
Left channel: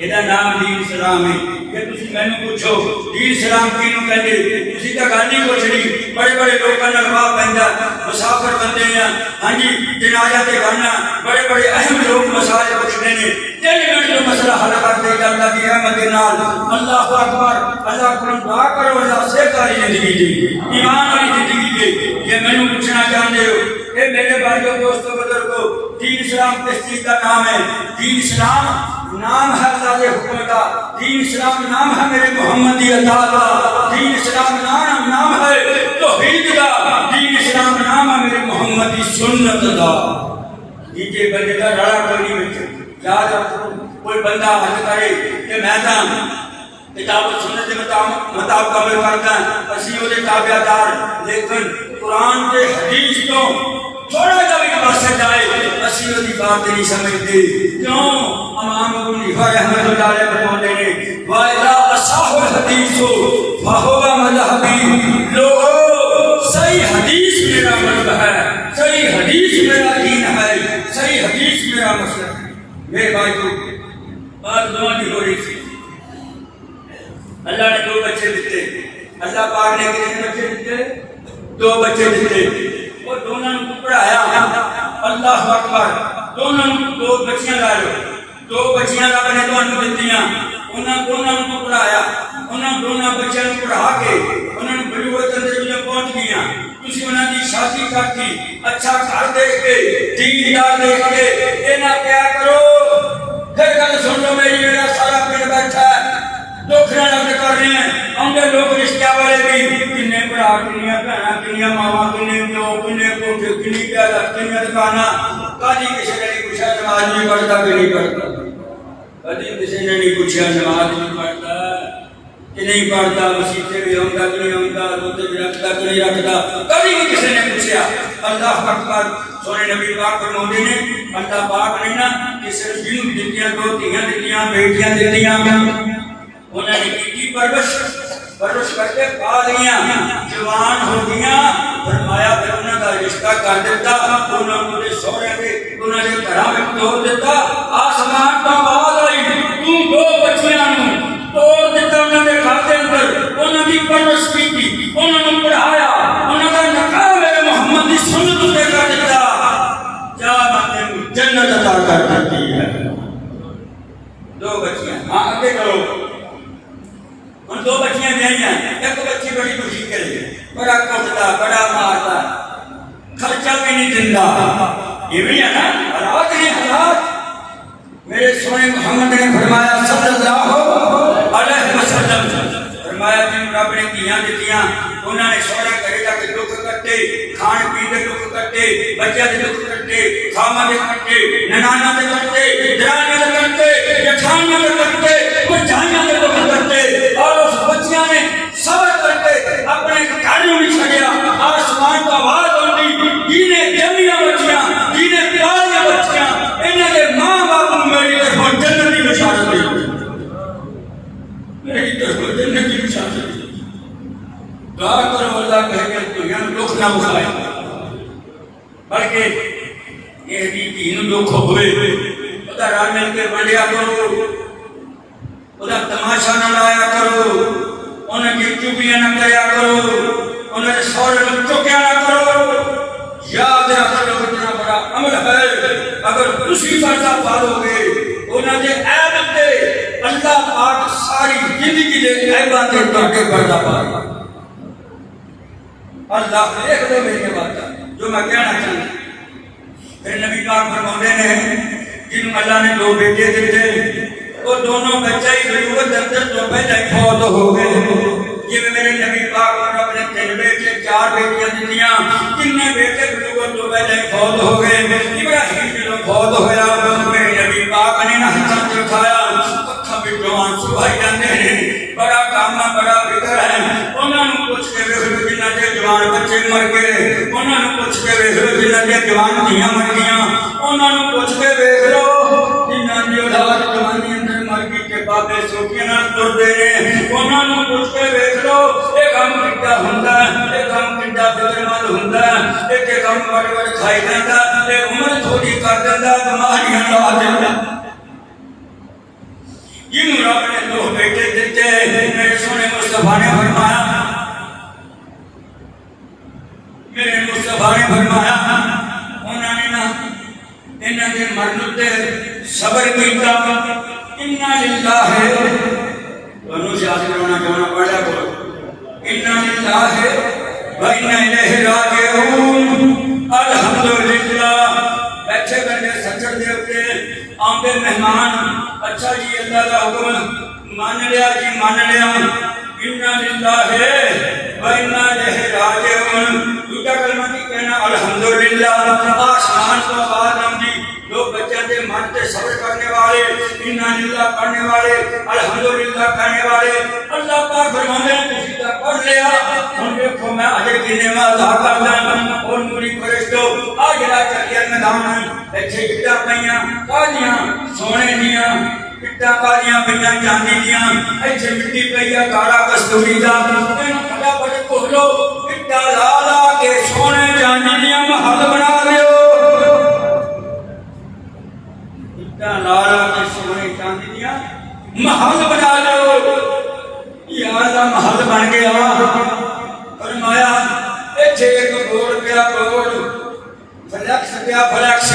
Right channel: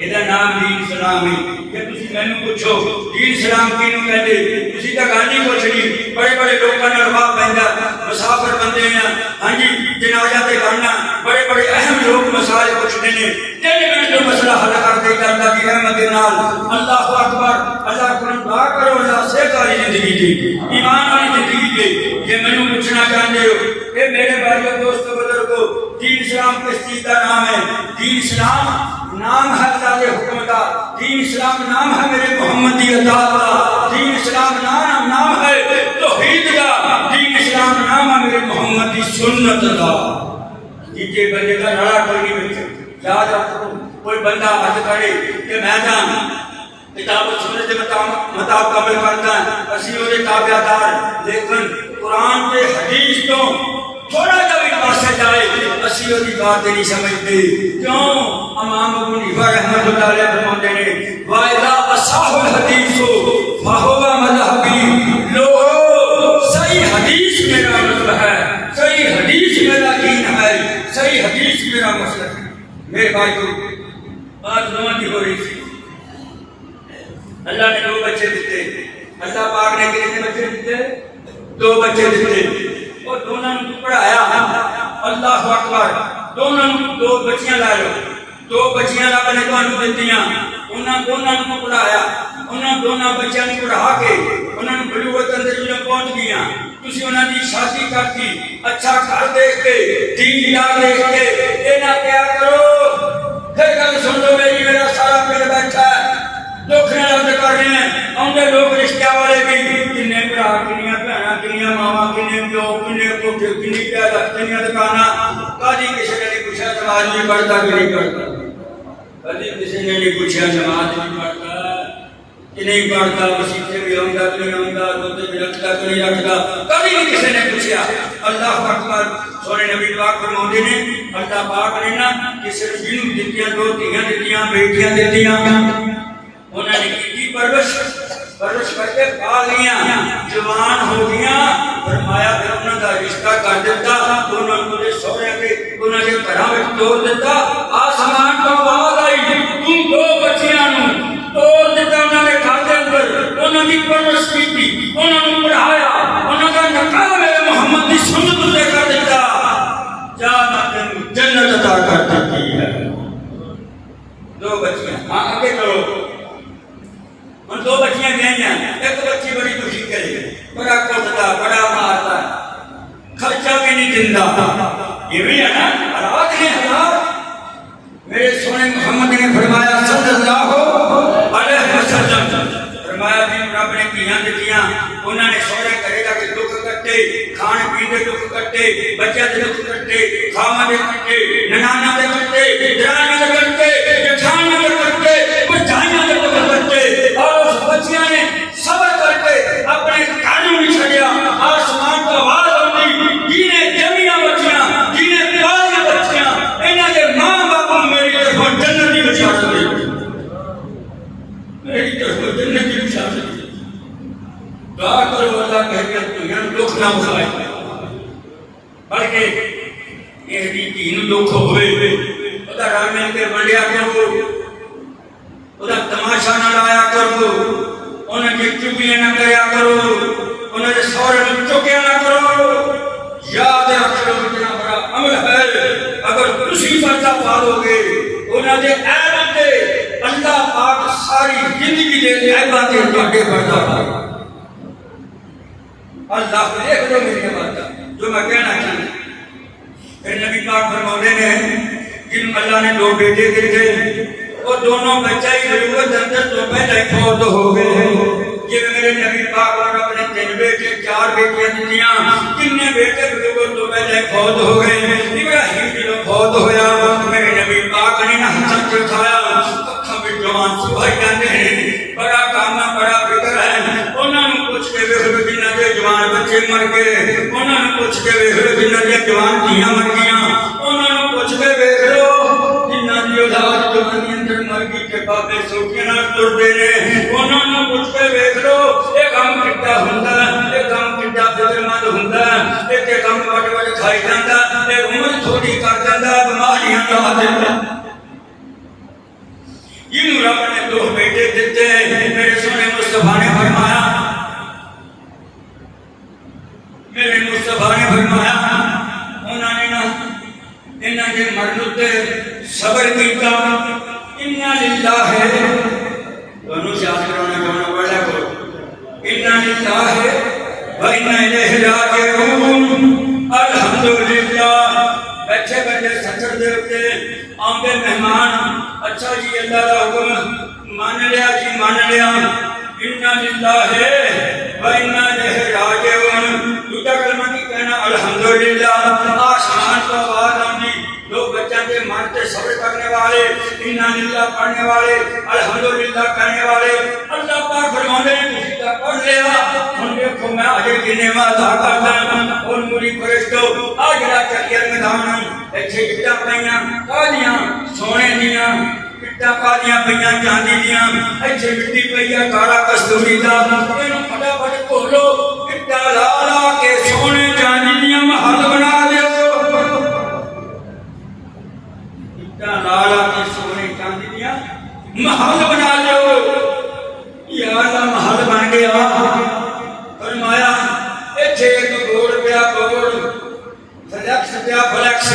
ਇਹਦਾ ਨਾਮ ਦੀਨ ਸਲਾਮ ਹੈ। ਜੇ ਤੁਸੀਂ ਮੈਨੂੰ ਪੁੱਛੋ ਦੀਨ ਸਲਾਮ ਕਿਹਨੂੰ ਕਹਿੰਦੇ, ਤੁਸੀਂ ਤਾਂ ਗੱਲ ਨਹੀਂ ਪੁੱਛਣੀ। ਬੜੇ ਬੜੇ ਲੋਕਾਂ ਨਾਲ ਵਾਹ ਪੈਂਦਾ, ਮੁਸਾਫਰ ਬੰਦੇ ਆ, ਹਾਂਜੀ ਜਨਾਜ਼ਾ ਤੇ ਕਰਨਾ, ਬੜੇ ਬੜੇ ਅਹਿਮ ਲੋਕ ਮਸਾਲੇ ਪੁੱਛਦੇ ਨੇ, 3 ਮਿੰਟ ਜੋ ਮਸਲਾ ਹੱਲ ਕਰਦੇ ਜਾਂਦਾ ਦੀ ਰਹਿਮਤ ਦੇ ਨਾਲ। ਅੱਲਾਹੁ ਅਕਬਰ, ਅੱਲਾਹ ਕੋਲੋਂ ਦੁਆ ਕਰੋ ਅੱਲਾਹ ਸਿਹਤ ਵਾਲੀ ਜ਼ਿੰਦਗੀ ਦੀ, ਈਮਾਨ ਵਾਲੀ ਜ਼ਿੰਦਗੀ ਦੀ। ਜੇ ਮੈਨੂੰ ਪੁੱਛਣਾ ਚਾਹੁੰਦੇ ਹੋ ਇਹ ਮੇਰੇ ਭਾਈਓ ਦੋਸਤੋ ਬਜ਼ੁਰਗੋ, دین اسلام کس چیز کا نام ہے؟ دین اسلام نام ہے اللہ کے حکم کا، دین اسلام نام ہے میرے محمد کی اطاعت کا، دین اسلام نام ہے توحید کا، دین اسلام نام ہے میرے محمد کی سنت کا۔ نیچے بندے کا لڑا کوئی نہیں بچے، یاد رکھو کوئی بندہ حج کرے کہ میں جان کتاب و سنت کے مطابق عمل کرتا ہے، اسی وہ تابع دار، لیکن قرآن کے حدیث تو تھوڑا جا بھی پرسے جائے اسی وہ بات نہیں سمجھتے۔ کیوں؟ امام ابو حنیفہ رحمۃ اللہ علیہ فرماتے ہیں وَإِذَا أَصَحَّ الْحَدِيثُ فَهُوَ مَذْهَبِي، لوگو صحیح حدیث میرا مذہب ہے، صحیح حدیث میرا دین ہے، صحیح حدیث میرا مسلک ہے۔ میرے بھائیو بات دعا کی ہو رہی تھی، اللہ نے 2 بچے دیتے، اللہ پاک نے کتنے بچے دیتے؟ 2 بچے دیتے، اور دونوں نے پڑھایا، اللہ اکبر، دونوں نے 2 بچیاں لائے، 2 بچیاں رب نے تمہیں دتیاں، انہاں دونوں نے پڑھایا، انہاں دونوں بچیاں نے پڑھا کے انہوں نے بلوغت اندر پہنچ گیا، تسی انہاں دی شادی کرتی، اچھا گھر دیکھ کے، دیندار دیکھ کے، اے نہ کیا کرو، پھر گل سن لو میری، میرا سارا پیڑ بیٹھا ہے، دکھ نہ لفظ کر رہے ہیں اندر لوگ رشتہ والے بھی، کنے برا کنیاں بھیڑاں کنیاں ماواں کنے پیو کنے کوٹھے کنی پیادہ کنیاں دکاناں، کدی کسی نے نہیں پوچھا نماز نہیں پڑھتا کہ نہیں پڑھتا، کدی کسی نے نہیں پوچھا نماز نہیں پڑھتا کہ نہیں پڑھتا، مسیحے بھی ہوتا کہ نہیں ہوتا، روزے بھی رکھتا کہ نہیں رکھتا، کبھی بھی کسی نے پوچھا۔ اللہ اکبر، سونے نبی پاک فرماتے ہیں اللہ پاک نے نا کسی جن دتیاں 2 دھیاں دتیاں بیٹیاں دتیاں، انہوں نے کی پرورش کر کے پا لیا، جوان ہو گیا، فرمایا پھر انہوں کا رشتہ کر دیتا، انہوں نے سونے کے انہوں نے گھر میں توڑ دیتا، آسمان تو آواز آئی تو 2 بچیاں توڑ دیتا، انہوں نے گھر کے اندر انہوں کی پرورش کی تھی، انہوں نے پڑھایا، انہوں کا نکاح میرے محمد کی سنت دے کر دیتا، جا میں جنت عطا کر دیتی ہے۔ 2 بچیاں، ہاں آگے چلو، 2 بچیاں بیائی ہیں، ایک بچی بڑی خوشی کرے، بڑا کٹتا بڑا مارتا، خرچہ بھی نہیں دیندا، یہ بھی ہے نا حالات ہیں حالات۔ میرے سونے محمد نے فرمایا صلی اللہ علیہ وسلم، فرمایا جن رب نے کیاں دتیاں انہوں نے سونا کرے گا کہ دکھ کٹے، کھان پی کے دکھ کٹے، بچے کے دکھ کٹے، خاما کے کٹے، ننانا کے کٹے، درانیاں کے کٹے، جٹھانیاں کے کٹے، بچائیاں کے دکھ کٹے، اور اس بچیاں نے صبر کر کے اپنے گھر میں چھڑیا، آسمان کا آواز آتی، جینے جمیاں بچیاں، جینے پیاریاں بچیاں، انہاں کے ماں باپ میری طرف جنت کی بشارت دی، میری طرف جنت کی بشارت دی۔ دعا کرو اللہ کہہ کر تمہیں دکھ نہ اٹھائے، بلکہ یہ دین دکھ ہوئے خدا رام مل کے بڑھیا کرو، خدا تماشا نہ لایا کرو، انہیں کی چگلیاں نہ کریا کرو، انہیں سورے میں چکیا نہ کرو۔ یاد رکھو اتنا بڑا عمل ہے، اگر تسی پردہ پالو گے انہیں دے عیب دے اللہ پاک ساری زندگی دے عیباں دے تواڈے پردہ پائے۔ اللہ دیکھ لو میری بات جو میں کہنا چاہتا ہوں۔ پھر نبی پاک فرماتے ہیں جن اللہ نے 2 بیٹے دیے وہ دونوں بچے ہی ضرورت اندر تو پہلے فوت ہو گئے، یہ میرے نبی پاک نے اپنے 3 بیٹے 4 بیٹیاں دیاں، کتنے بیٹے ضرورت تو پہلے فوت ہو گئے، ابراہیم بھی فوت ہویا، میرے نبی پاک نے ہاتھ سے اٹھایا، اکھاں بھی جوان سبھائی جاندے ہیں، بڑا کام ہے بڑا فکر ہے، انہوں نے پوچھ کے ویکھ لو جنہاں دے جوان بچے مر گئے، انہوں نے پوچھ کے ویکھ لو جنہاں دے جوان دھیاں مر گئیاں، انہوں نے پوچھ کے ویکھ لو جنہاں دی اولاد جوانی اندر مر گئی کہ بابے سو چوکے نال ٹرتے نے انہاں نوں پوچھ کے ویکھ لو یہ کام کیتا ہوندا یہ کام کیتا فکر مند ہوندا یہ کام بڑے بڑے کھائی جاندا یہ عمر تھوڑی کر دیندا بیماریاں لا دیندا جنہوں رب نے دو بیٹے دیتے ہیں میرے سونے مصطفیٰ نے فرمایا میرے مصطفیٰ نے فرمایا انہوں نے نا انہاں دے مرد تے صبر کیتا انا للہ انہوں سے آخر ہونا کہنا پڑھا کرو انا للہ و انا الیہ راجعون الحمدللہ بیٹھے بیٹھے سچر دے اتے آمدے مہمان اچھا جی اللہ کا حکم مان لیا جی مان لیا انا للہ و انا الیہ راجعون دوسرا کلمہ کی کہنا الحمدللہ آسمان تو آواز آمدی لوگ بچوں کے من سے صبر کرنے والے انا للہ پڑھنے والے الحمدللہ کہنے والے اللہ پاک فرماتے ہیں کسی کا پڑھ لیا ہم دیکھو میں آگے کی نعمت ادا کرنا اور موری فرشتو آج رات چکر میدان ہے ایسے گٹا پہنا کالیاں سونے دیاں گٹا کالیاں پہنا چاندی دیاں ایسے مٹی پہیا کالا کستوری دا انہوں پھٹا پھٹ کھولو گٹا لا لا کے سونے چاندی دیاں محل بنا دیو گٹا لا لا کے سونے چاندی دیاں محل بنا دیو یا اللہ محل بن گیا فرمایا ایتھے ایک گوڑ پیا گوڑ فلکس پیا فلکس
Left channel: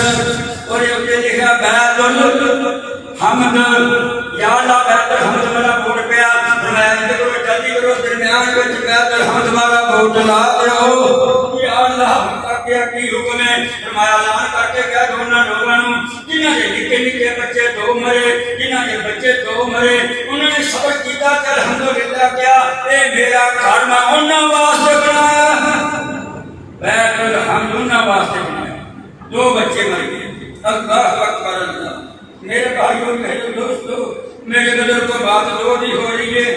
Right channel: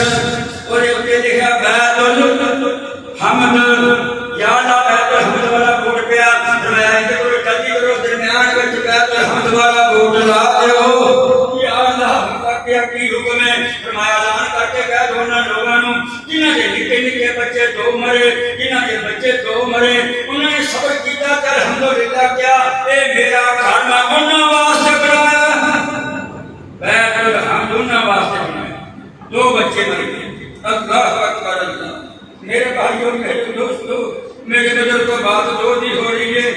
اور یہ پہ لکھا بیت الحمد یا اللہ بیت الحمد والا گوڑ پیا فرمایا ایک گوڑ جلدی کرو درمیان وچ بیت الحمد والا گوڑ لا دیو یا اللہ ہم کا کیا کی حکم ہے فرمایا اعلان کر کے کہہ دو انہاں لوگاں نوں جنہاں دے نکے نکے بچے دو مرے جنہاں دے بچے دو مرے انہوں نے صبر کیتا کہ الحمدللہ کیا اے میرا گھر میں انہاں واسطے بنایا بیت الحمد انہاں واسطے بنایا دو بچے مر گئے اللہ اکبر اللہ میرے بھائیوں میرے دوستوں میرے بدر کو بات دو دی ہو رہی ہے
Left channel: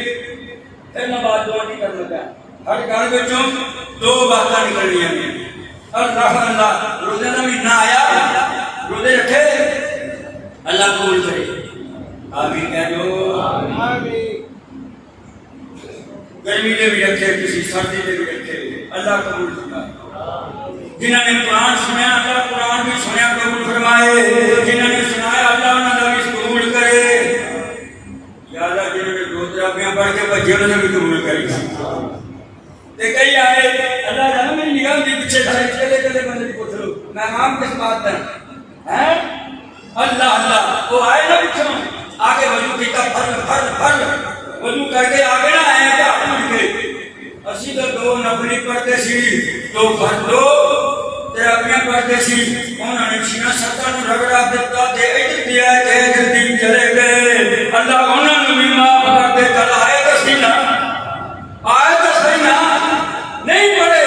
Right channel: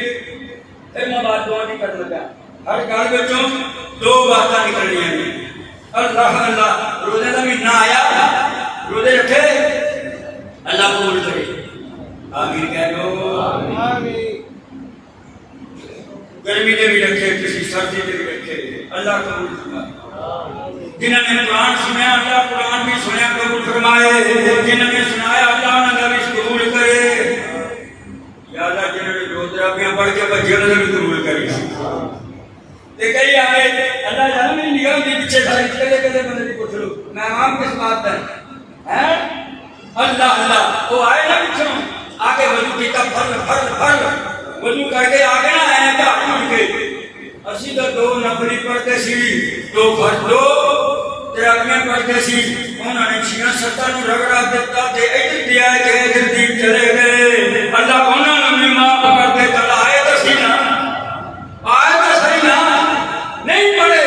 پھر میں بات دعا نہیں کر لگا ہر گھر بچوں دو باتیں نکلنی ہیں اللہ اللہ روزے کا مہینہ آیا روزے رکھے اللہ قبول کرے آمین کہہ دو گرمی دے بھی رکھے کسی سردی دے بھی رکھے اللہ قبول فرمائے جنہوں نے قرآن سنیا اللہ قرآن بھی سنیا قبول فرمائے جنہوں نے سنایا اللہ انہوں نے قبول کرے یا اللہ جنہوں نے دو تراپیاں پڑھ کے بچے انہوں نے بھی قبول کرے کئی آئے اللہ جانا میری نگاہ دی پیچھے سارے چلے چلے بندے کی پوچھ لو میں امام کس بات ہے اللہ اللہ وہ آئے نا پیچھوں آگے وضو کیتا فرض فرض فرض وضو کر کے آگے نہ آئے کیا اٹھ گئے اسی تو دو نفلی پڑھتے سی دو فرض دو تراویحاں پڑھتے سی انہوں نے چھیاں ستاں نوں رگڑا دیتا تے ادھر دیا تے ادھر دی چلے گئے اللہ انہوں نے بھی معاف کر دے کل آئے تو سی نا آئے تو صحیح نا نہیں پڑھے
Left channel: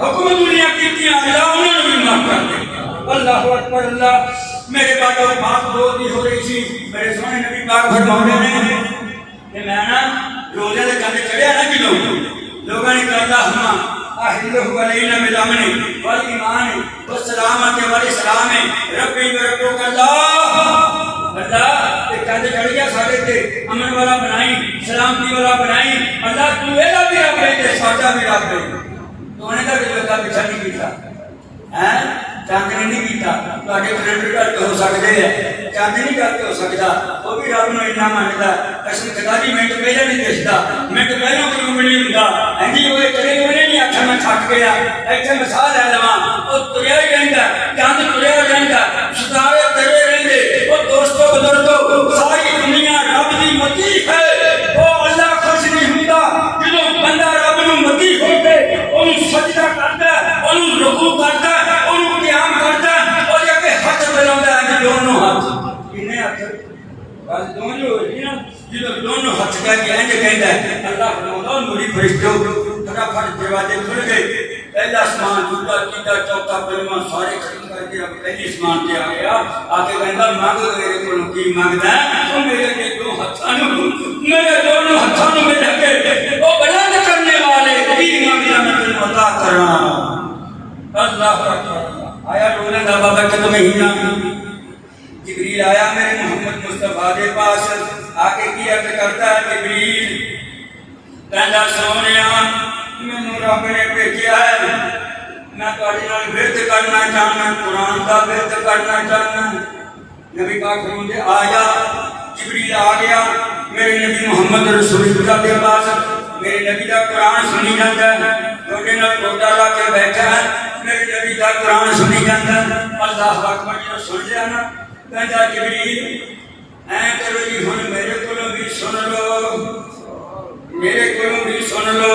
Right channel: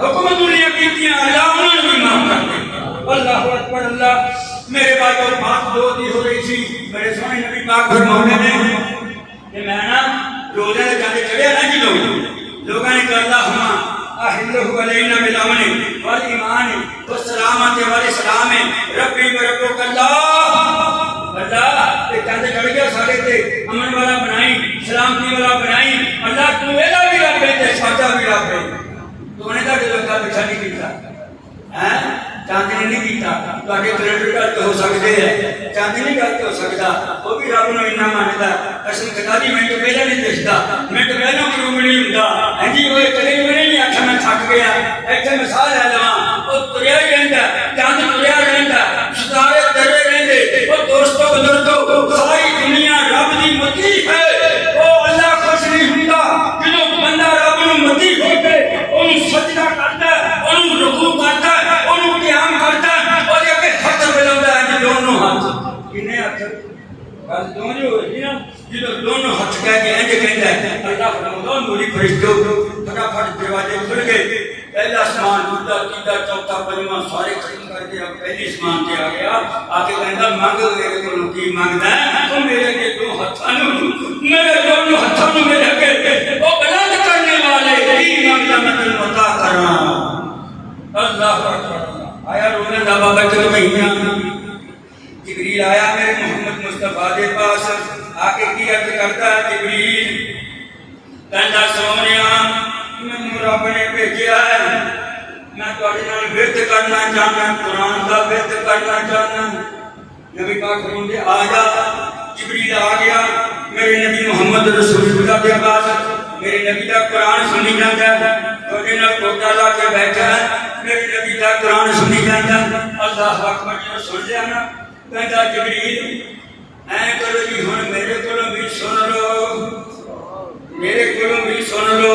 حکم دنیا کی تھی اللہ انہوں نے بھی معاف کر دے اللہ اکبر اللہ میرے بعد اور بات دو دی ہو رہی تھی میرے سونے نبی پاک فرماتے ہیں کہ میں نا روزے دے کاندے چڑھیا نا جی لوگوں نے کہا ہما احلہ علینا بالامن والایمان والسلامۃ والاسلام ربی وربک اللہ اللہ تے کاندے چڑھ گیا ساڈے تے امن والا بنائی سلامتی والا بنائی اللہ تو ایدا بھی رب ہے تے ساڈا بھی رب ہے تو نے دا جو کا پیچھا نہیں کیتا ہیں چاند نے نہیں کیتا تواڈے کریڈٹ کارڈ ہو سکدے ہیں چاند نہیں کر ہو سکدا وہ بھی رب نوں انعام ماندا اسی خدا دی منٹ پہلے نہیں دسدا منٹ پہلوں کیوں نہیں ہوندا ہاں جی وہ کرے ہوئے نہیں آکھا میں تھک گیا ایتھے مثال لے لواں او تریا ہی رہندا چاند تریا رہندا ستارے ترے رہندے او دوستو بزرگو ساری دنیا رب دی متی ہے او اللہ خوش نہیں ہوندا جدوں بندہ رب نوں متی ہو کے اونوں سجدہ کردا اونوں رکوع کردا اونوں قیام کردا اور یہ کہ ہاتھ ملاوندا ہے دونوں ہاتھ کنے ہاتھ گل دو جو ہوئی نا جدوں دونوں ہاتھ کہہ کے انج کہندا ہے اللہ فرماؤں موری فرشتو فٹافٹ دروازے کھل گئے پہلا آسمان دوسرا تیسرا چوتھا پنجواں سارے ختم کر کے اب پہلی آسمان پہ آ گیا آ کے کہندا مانگ میرے کولوں کی مانگدا ہے او میرے کے دو ہاتھاں نوں میرے دونوں ہاتھاں نوں میرے کے او بلند کرنے والے کی مانگدا میں تینوں عطا کراں اللہ اکبر آیا روزہ دا بابا مہینہ جبریل آیا میرے محمد مصطفیٰ کے پاس آ کے کی عرض کرتا ہے جبریل کہندا سونیا مینوں رب نے بھیجیا ہے میں تواڈے نال وعدہ کرنا چاہنا قرآن دا وعدہ کرنا چاہنا نبی پاک فرماتے آ جا جبریل آ گیا میرے نبی محمد رسول خدا کے پاس میرے نبی کا قرآن سنی جاتا ہے تواڈے نال کوٹا لا کے بیٹھا ہے میرے نبی کا قرآن سنی جاتا ہے اللہ اکبر جو سن لیا نا کہندا جبریل اے کرو جی ہن میرے کولوں بھی سن لو میرے کولوں بھی سن لو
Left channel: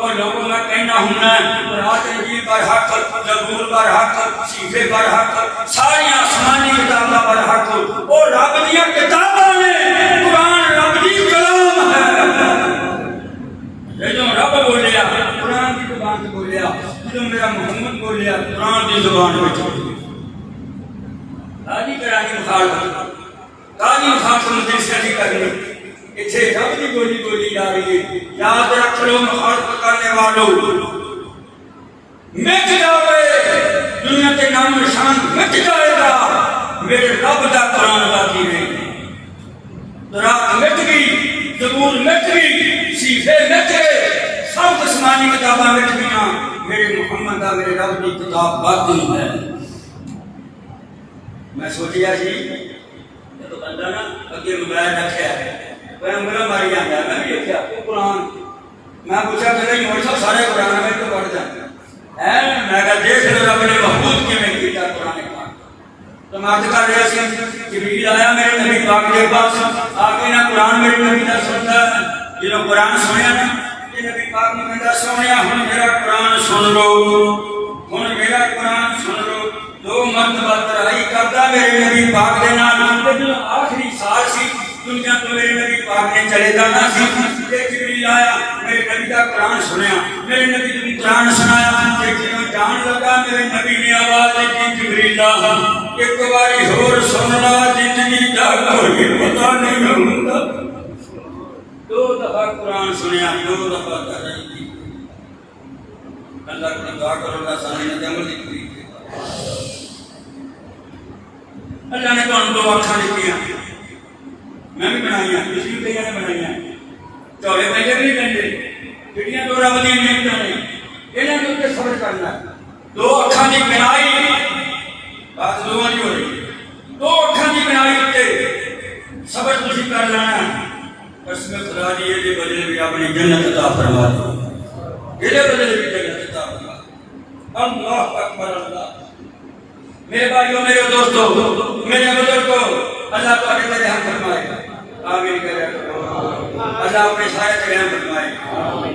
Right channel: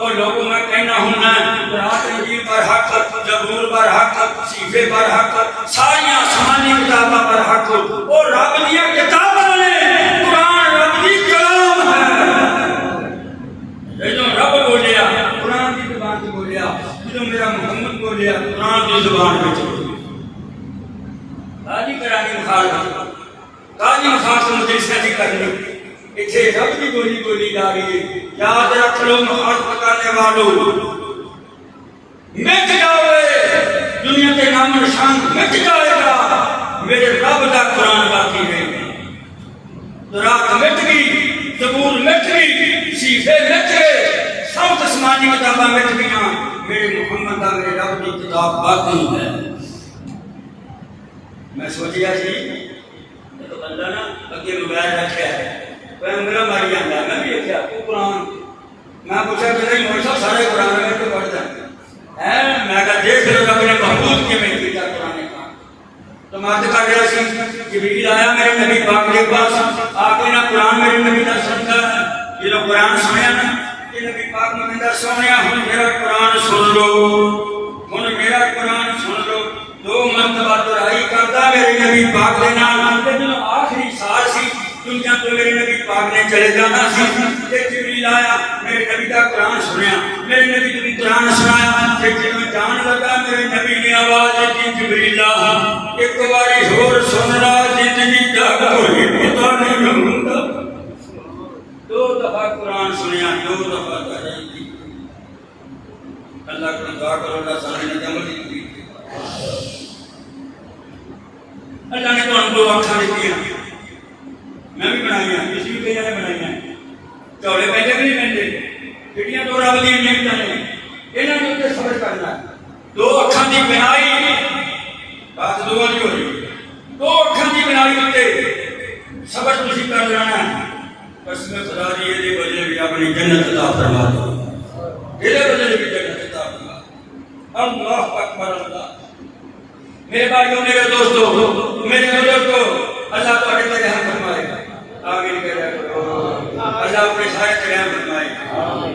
اور لوگوں میں کہنا ہونا قرآن انجیل پر حق زبور پر حق صحیفے پر حق ساری آسمانی کتاباں پر حق اور رب دیا کتاباں نے قرآن رب دی کلام ہے جدوں رب بولیا قرآن کی زبان سے بولیا جدوں میرا محمد بولیا قرآن کی زبان وچ قاضی کرانی مخال قاضی مخال سے مجلسہ نہیں کرنی اتنے رب کی بولی بولی جا رہی ہے یاد رکھ لو مخالفت کرنے والوں مٹ جاوے دنیا کے نام و نشان مٹ جائے گا میرے رب کا قرآن باقی نہیں تورات مٹ گئی زبور مٹ گئی صحیفے مٹ گئے سب آسمانی کتاباں مٹ گئیں میرے محمد کا میرے رب کی کتاب باقی ہے میں سوچیا سی تو بندہ نا اگے موبائل رکھا ہے میرا ماری جانا ہے میں بھی دیکھا تو قرآن میں پوچھا کہ نہیں مول صاحب سارے قرآن میں تو پڑھتا ہے میں کہا دیکھ لو رب نے محفوظ کی میں کیا قرآن کا تو میں عرض کر رہا سی جبریل آیا میرے نبی پاک کے پاس آ کے نا قرآن میرے نبی کا سنتا ہے جب قرآن سنیا نا کہ نبی پاک نے کہا سونیا ہن میرا قرآن سن لو ہن میرا قرآن سن لو دو مرتبہ ترائی کرتا میرے نبی پاک کے نال جو آخری سال سی دنیا تو میرے نبی پاک نے چلے جانا سی کہ جبریل آیا میرے نبی کا قرآن سنیا میرے نبی نے قرآن سنایا کہ جب جان لگا میرے نبی نے آواز دی جبریل ایک باری اور سننا زندگی دا کوئی پتہ نہیں ہوتا دو دفعہ قرآن سنیا دو دفعہ کرائی اللہ کو دعا کرو اللہ سارے نے عمل کی اللہ نے تو دو آنکھیں دیا میں بھی بنائی ہیں کسی بھی کئی نے بنائی ہیں چولے پہلے بھی نہیں پہنتے جڑیاں دو رب دی نعمتاں نے انہاں دے اوپر صبر کرنا ہے دو اکھاں دی بنائی بات دو نہیں ہو رہی دو اکھاں دی بنائی تے صبر تسی کر لینا ہے قسم خدا دی دے بدلے بھی رب نے جنت عطا فرما دی دے بدلے بھی جنت عطا فرما اللہ اکبر اللہ میرے بھائیوں میرے دوستوں میرے بزرگوں اللہ تعالی میرے ہم فرمائے گا آمین کرے اللہ اپنے سارے قیام فرمائے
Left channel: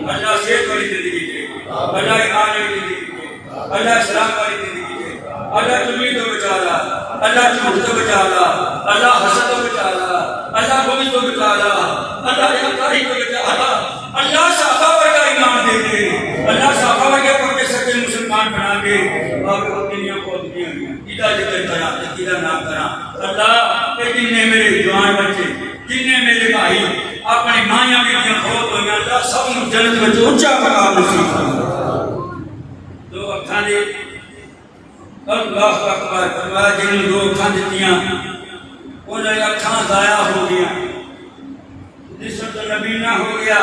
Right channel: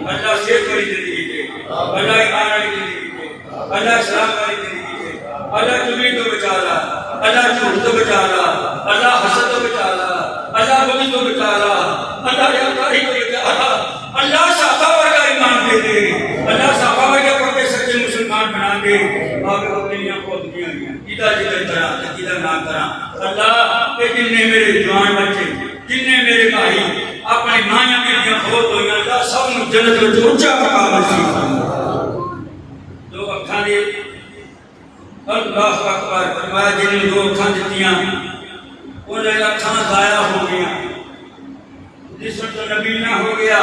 اللہ صحت والی زندگی دے اللہ ایمان والی زندگی دے اللہ اسلام والی زندگی دے اللہ چغلی تو بچا لا اللہ جھوٹ تو بچا لا اللہ حسد تو بچا لا اللہ بغض تو بچا لا اللہ ریاکاری کو بچا لا اللہ صحابہ ورگا ایمان دے دے اللہ صحابہ ورگے پکے سچے مسلمان بنا دے آپ کو دنیا کو دنیا میں کیدا ذکر کرا کیدا نام کرا اللہ اے جن نے میرے جوان بچے جن نے میرے بھائی اپنی ماں بیٹیاں فوت ہوئی اللہ سب نو جنت وچ اونچا مقام نصیب فرما دو اکھاں دے اللہ اکبر فرمایا جن دو اکھاں دتیاں انہاں دی اکھاں ضائع ہو گئیاں جس وقت نبی نہ ہو گیا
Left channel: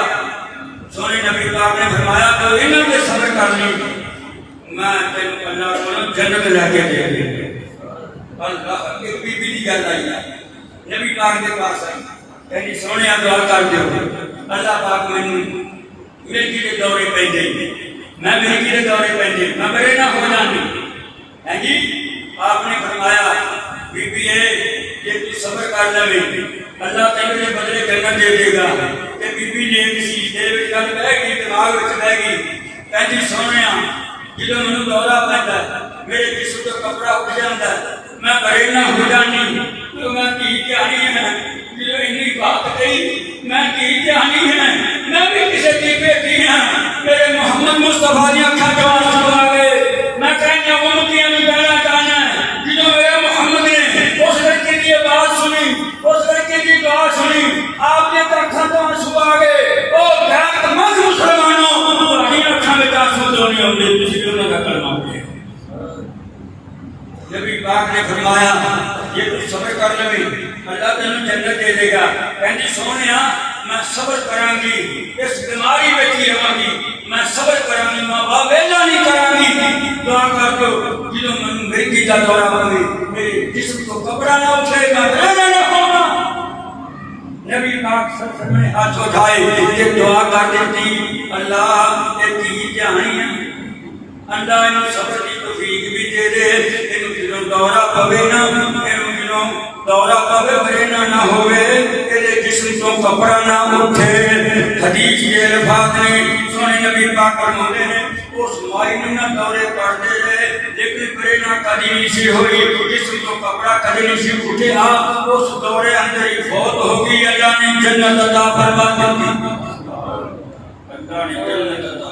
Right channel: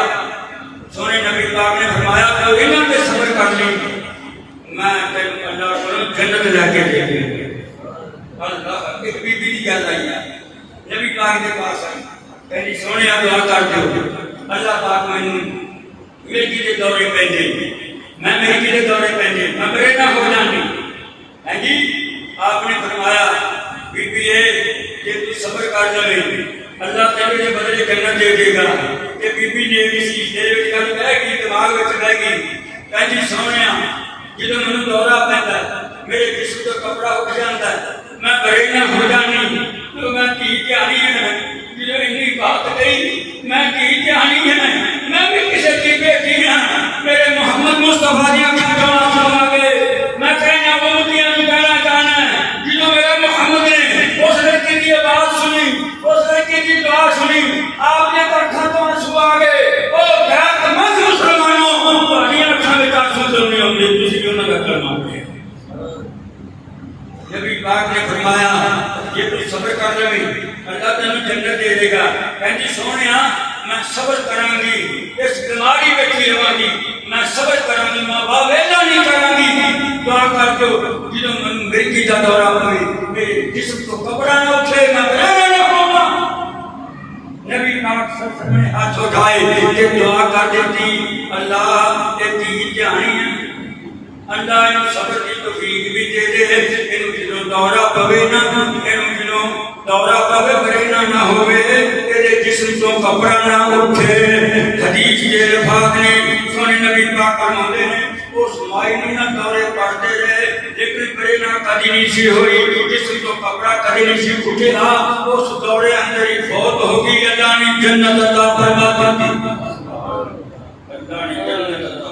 سونے نبی پاک نے فرمایا تو انہاں دے صبر کر لی میں تینوں اللہ کو جنت لے کے دے اللہ ایک بی بی دی گل آئی ہے نبی پاک کے پاس آئی کہنی سونے دعا کر دیو اللہ پاک مینوں میری دے دورے پیندے میں میری دے دورے پیندے میں مرے نہ ہو جانی ہے جی آپ نے فرمایا بی بی ہے کہ تو صبر کر لے اللہ تیرے بدلے جنت دے دے گا کہ بی بی نے کسی تیرے وچ گل بہ گئی دماغ وچ بہ گئی کہندی سونیا جدوں مینوں دورہ پیندا میرے جسم تو کپڑا اٹھ جاندا میں بڑے نہ ہو جانی تو میں کی کہانی ہے جدوں اتنی بات کہی میں کی کہانی ہے میں بھی کسی کی بیٹی ہاں میرے محمد مصطفیٰ دی اکھاں جوان سنا گئے میں کہنا امتیاں نوں کہنا چاہنا جدوں میرے محمد نے اس لڑکی کی آواز سنی اس لڑکی کی دعا سنی آپ نے اکھاں تو آنسو آ گئے او غیرت مند مسلمانوں تہاڈی اکھاں وچ آنسو کیوں نہیں آندے تسی انہاں دا کلمہ پڑھو نبی پاک نے فرمایا یہ تو صبر کر لے اللہ تینوں جنت دے دے گا. کہندی سونیا میں صبر کراں گی اس بیماری وچ بھی رہاں گی میں صبر کراں گی ماں باپ ویلا نہیں کراں گی. دعا کر دو جدوں مینوں مرگی دا دورہ پوے میرے جسم کو کپڑا نہ اٹھے میں رہنا نہ ہونا. نبی پاک صلی اللہ علیہ وسلم نے ہاتھ اٹھائے یہ دعا کر دیتی اللہ اے تین جہانی اللہ انہوں صبر کی توفیق بھی دے دے. انہوں جنہوں دورہ پوے نہ انہوں جنہوں دورہ پوے مرنا نہ ہوئے تیرے جسم تو کپڑا نہ اٹھے. حدیث کے الفاظ نے سونے نبی پاک فرماتے ہیں اس مائی نہ دورے پڑھتے رہے لیکن مرنا کدی نہیں سی ہوئی جسم تو کپڑا کدی نہیں سی اٹھے. اس دورے اندر ہی فوت ہو گئی. اللہ نے جنت عطا فرما دی. اللہ نے جنت عطا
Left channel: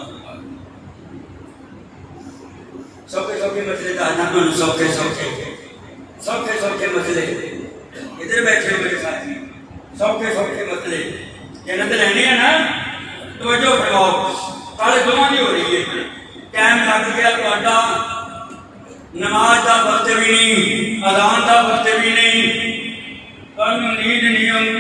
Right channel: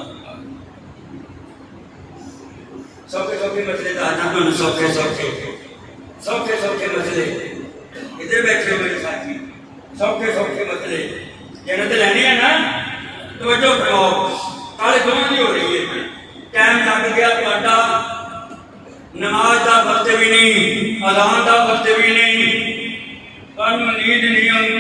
سوکھے مسئلے کا آنا سوکھے مسئلے ادھر بیٹھے ہوئے ساتھی سوکھے مسئلے جنت رہنی ہے نا توجہ فرماؤ. کل دونوں کی ہو رہی ہے ٹائم لگ گیا تھوڑا نماز کا وقت بھی نہیں اذان کا وقت بھی نہیں تمہیں نیند نہیں آؤں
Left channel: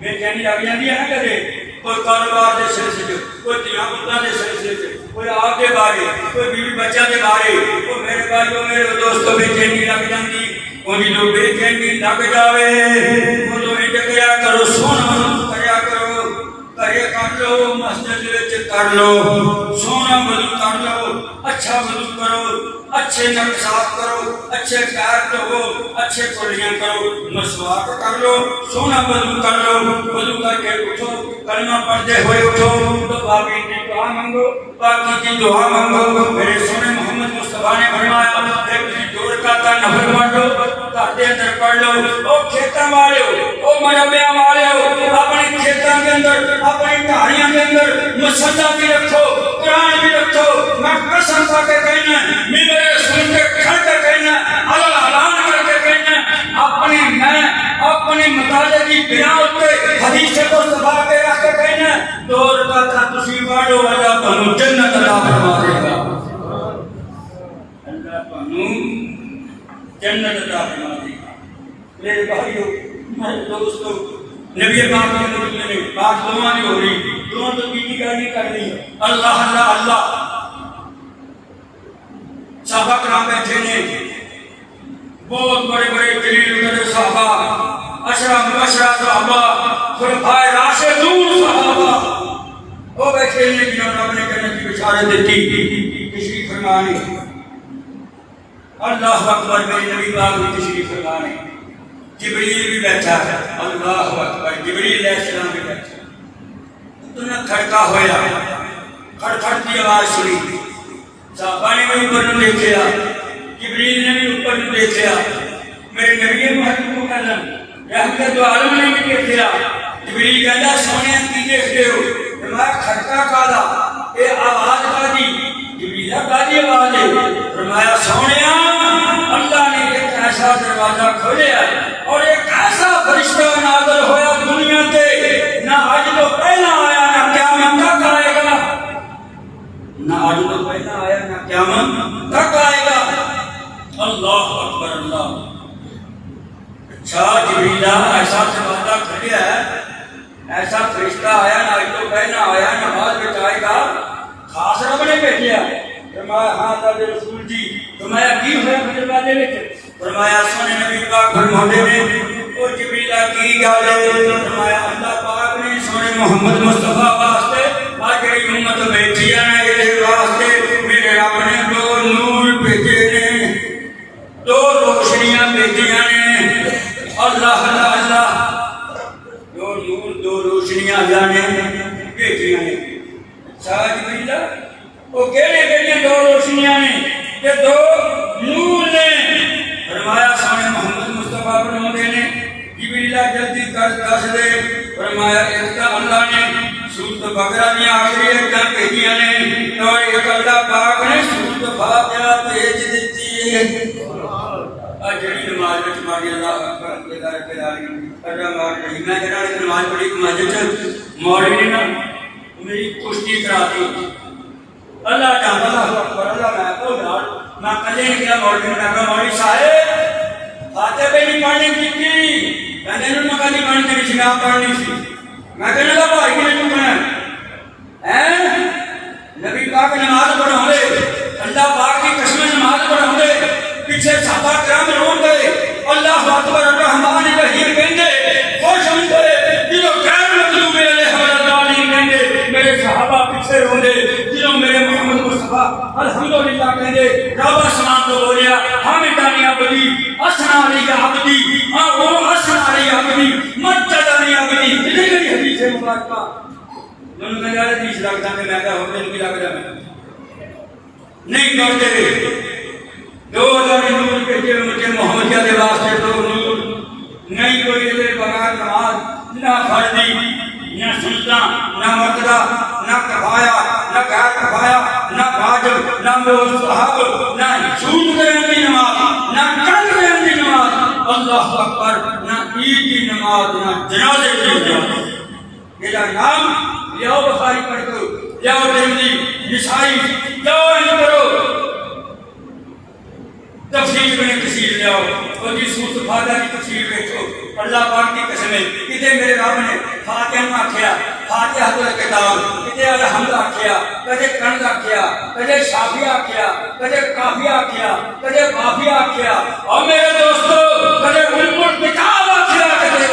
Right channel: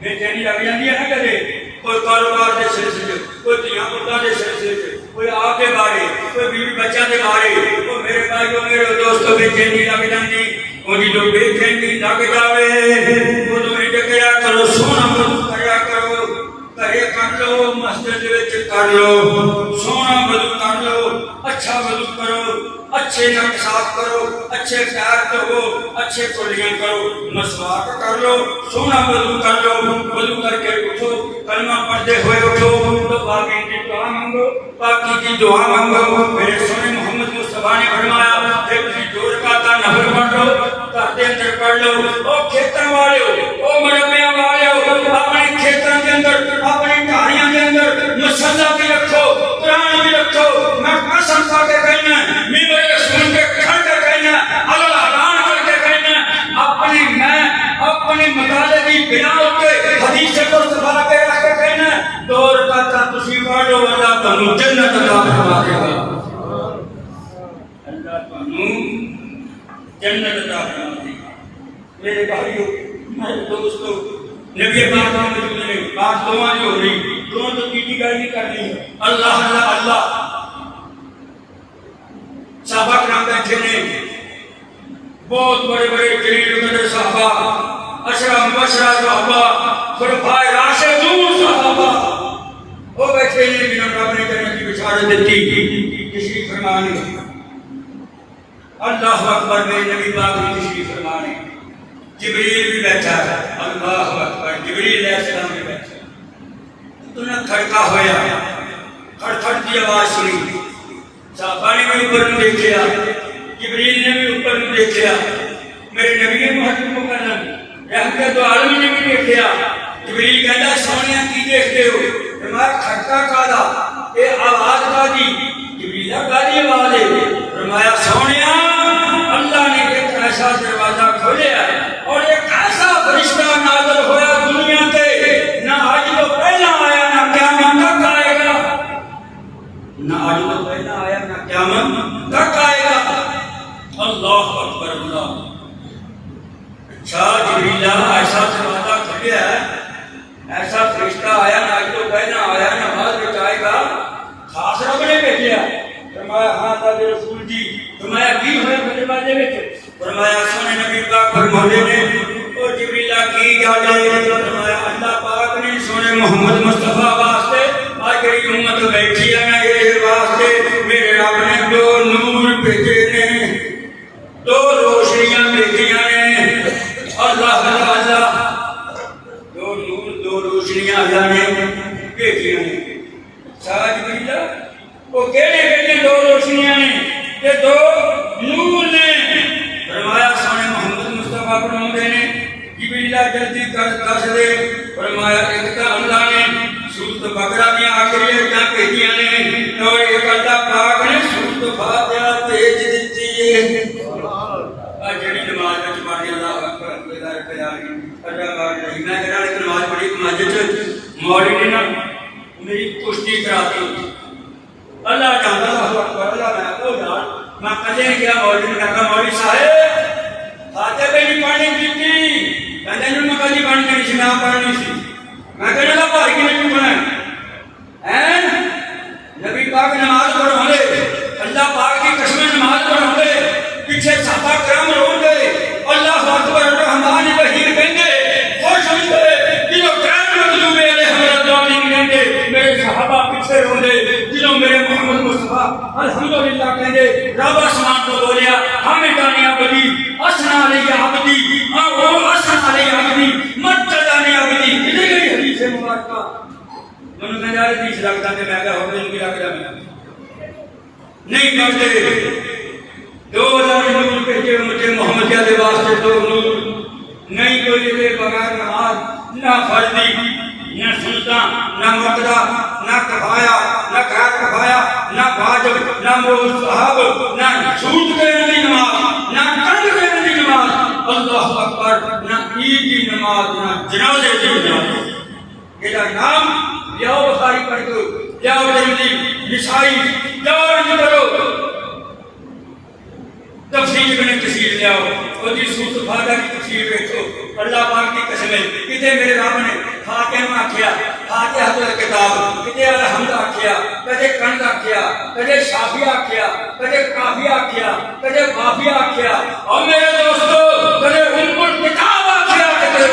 بے چینی لگ جاتی ہے نا کدے کوئی کاروبار کے سلسلے کوئی دھیاں پتوں کے سلسلے کوئی آپ کے بارے کوئی بیوی بچہ کے بارے وہ میرے بھائیوں میرے دوستوں بے چینی لگ جاتی انہیں جو بے چینی لگ جاوے وہ تو کیا کرو سونا بدل کریا کرو گھرے کر لو مسجد وچ کر لو سونا بدل کر لو اچھا بدل کرو اچھے نٹ صاف کرو اچھے پیر دھو اچھے کلیاں کرو مسواک کر لو سونا بدل کر لو بدل کر کے اٹھو کلمہ پڑھتے ہوئے اٹھو تو باقی کی دعا مانگو باقی کی دعا مانگو. میرے سونے محمد مصطفیٰ نے فرمایا کہ تسی جو رکعتاں نفل پڑھ لو گھر دے اندر پڑھ لو او کھیتاں والے ہو او مربیاں والے ہو اپنے کھیتاں کے اندر اپنی کہانیاں کے اندر مصلی بھی رکھو قرآن بھی رکھو. میں قسم کھا کے کہنا میرے سن کے کھڑ کے کہنا اعلان کر کے کہنا اپنے مطالعے کی بنا ہوتے حدیث کو صفا کے رکھ کے کہنا دو رکعتاں تسی پڑھو اللہ تمہیں جنت عطا فرما دے گا. اللہ تمہیں جنت عطا فرما دے گا. میرے بھائیو میرے دوستو نبی پاک نے بات دعا نہیں ہو رہی دعا تو کی گل نہیں کرنی اللہ اللہ اللہ. صحابہ کرام بیٹھے نے بہت بڑے بڑے جلیل قدر صحابہ اشرا مبشرہ صحابہ خلفائے راشدون صحابہ وہ بیٹھے نے جنہوں رب نے جنت کی بشارت دیتی تشریف فرمانے. اللہ اکبر میرے نبی پاک نے تشریف فرمانے. جبریل بھی بیٹھا ہے اللہ اکبر جبریل علیہ السلام بھی بیٹھا. اتنا کھڑکا ہوا کھڑکھڑ کی آواز سنی صحابہ نے بھی اوپر میں دیکھا جبریل نے بھی اوپر میں دیکھا میرے نبی محمد کو کہنا رحمت عالم نے بھی دیکھا. جبریل کہنا سونے کی دیکھتے ہو فرمایا کھڑکا کالا یہ آواز کالی جبریل کالی آواز ہے فرمایا سونے اللہ نے ایک ایسا دروازہ کھولیا اور ایک ایسا فرشتہ نازل ہوا دنیا کے نہ آج تو پہلا آیا نہ قیامت تک آئے گا نہ آج تو پہلا آیا نہ قیامت تک آئے گا. اللہ اکبر اللہ. اچھا جبریل ایسا دروازہ کھولیا ہے ایسا فرشتہ آیا نہ آج تو پہلا آیا نہ آج بچائے گا خاص رب نے بھیجا. فرمایا ہاں تاج رسول جی فرمایا کی ہویا دروازے وچ فرمایا سونے نبی پاک فرماتے نے او جبریل کی گل ہے فرمایا اللہ پاک نے سونے محمد مصطفیٰ واسطے آج کی امت بیٹھی ہے نا یہ واسطے میرے رب نے دو نور بھیجے نے دو روشنیاں بھیجیاں نے اللہ اللہ اللہ دو نور دو روشنیاں اللہ نے بھیجیاں نے. اچھا جبریل وہ کہڑے دو روشنیاں نے کہ دو نور نے فرمایا سونے محمد مصطفیٰ فرماتے نے جبریل جلدی کر دے فرمایا ایک تو اللہ نے سورۃ بقرہ میں آخری آیتاں بھیجیاں نے اور ایک اللہ پاک نے سورۃ فاتحہ بھیج دیتی ہے. جڑی نماز وچ پڑھی اللہ اکبر اللہ رب العالمین اللہ رحیم میں جڑا ایک نماز پڑھی مسجد مولوی نے نا میری کشتی کراتی اللہ جانتا اللہ اکبر اللہ میں کلے گیا مولوی نے کہا مولوی صاحب فاتحہ پہ نہیں پڑھنی کی کہتے ہیں میں کلی بن کے نشنا پڑھنی سی میں کہنے کا بھائی کی نہیں چکنا ہے نبی پاک نماز پڑھا لے اللہ پاک کی قسم نماز پڑھا لے پیچھے صحابہ کرام رو گئے اللہ اکبر الرحمن الرحیم کہیں خوش ہوتے جنہوں غیر مطلوب علیہ الرحمن کہیں میرے صحابہ پیچھے رو دے جنہوں میرے محمد مصطفیٰ الحمدللہ کہیں رابع سمان کو بولیا حامدانی عبدی اسنا علی عبدی وہ اسنا علی عبدی مجدانی عبدی اتنی گئی حدیث مبارکہ من میں جارے دیش لگتا ہے میں کہا ہوتے ہیں کہ لگتا ہے نہیں کرتے دو نور کے جو مجھے محمد کے واسطے دو نور نہیں کوئی میرے بغیر نماز نہ فرضی نہ سنتا نہ مقدہ نہ کفایا نہ غیر کفایا نہ واجب نہ مستحب نہ چھوٹ کرنے کی نماز نہ چل کرنے کی نماز اللہ اکبر نہ عید کی نماز نہ جنازے کی نماز میرا نام لیاؤ بخاری پڑھ دو لیاؤ ترمذی نسائی لیاؤ ان کرو تفسیر میں تفسیر لیاؤ اور جی سورۃ الفاتحہ کی تفسیر دیکھو اللہ پاک کی قسم ہے کتے میرے رب نے فاتحہ میں آکھیا فاتحہ تو کتاب کتے الحمد آکھیا کتے کنز آکھیا کتے شافی آکھیا کتے کافی آکھیا کتے وافی آکھیا اور میرے دوستو کتے کتاب آکھیا کتے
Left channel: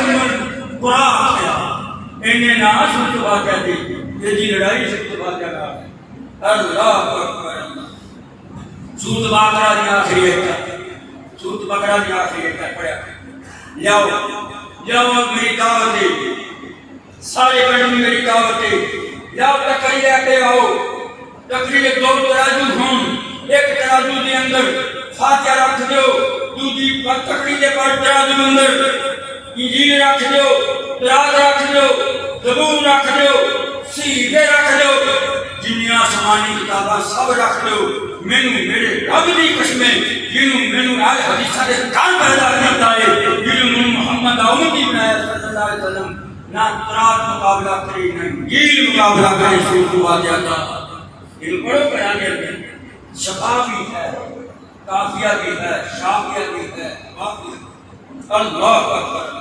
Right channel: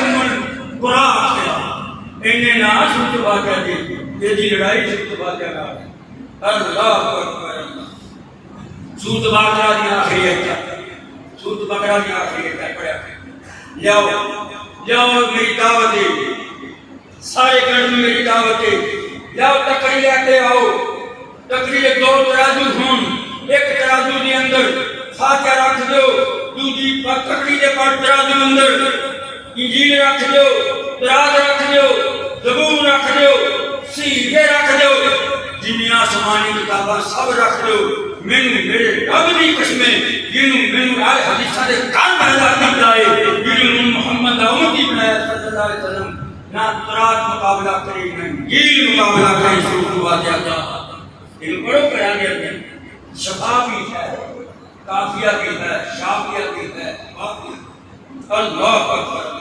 قرآن آکھیا انہیں نہ سورۃ الفاتحہ دی یہ لڑائی سورۃ الفاتحہ کا اللہ اکبر سورۃ بقرہ کی آخری ایک سورۃ بقرہ کی آخری ایک پڑھا جاؤ جاؤ میری دعوت ہے سارے گھر میں میری دعوت ہے جاؤ ٹکری لے کے آؤ ٹکری لے دو ترازو ہوں ایک ترازو کے اندر فاتحہ رکھ دو دوسری ٹکری کے پر ترازو اندر انجیل رکھ دو تراز رکھ دو زبور رکھ دو سیدھے رکھ دو دنیا سمانی کتاباں سب رکھ دو مینوں میرے رب دی قسمیں جنوں آئے حدیثاں دے کان پیدا کیتا ہے جنوں محمد امتی بنایا صلی اللہ علیہ وسلم نہ تراز مقابلہ کرے نہ انجیل مقابلہ کرے سورۃ الفاتحہ کا ان پڑھو قرآن میں شفا بھی ہے کافیہ بھی ہے شافیہ بھی ہے اللہ اکبر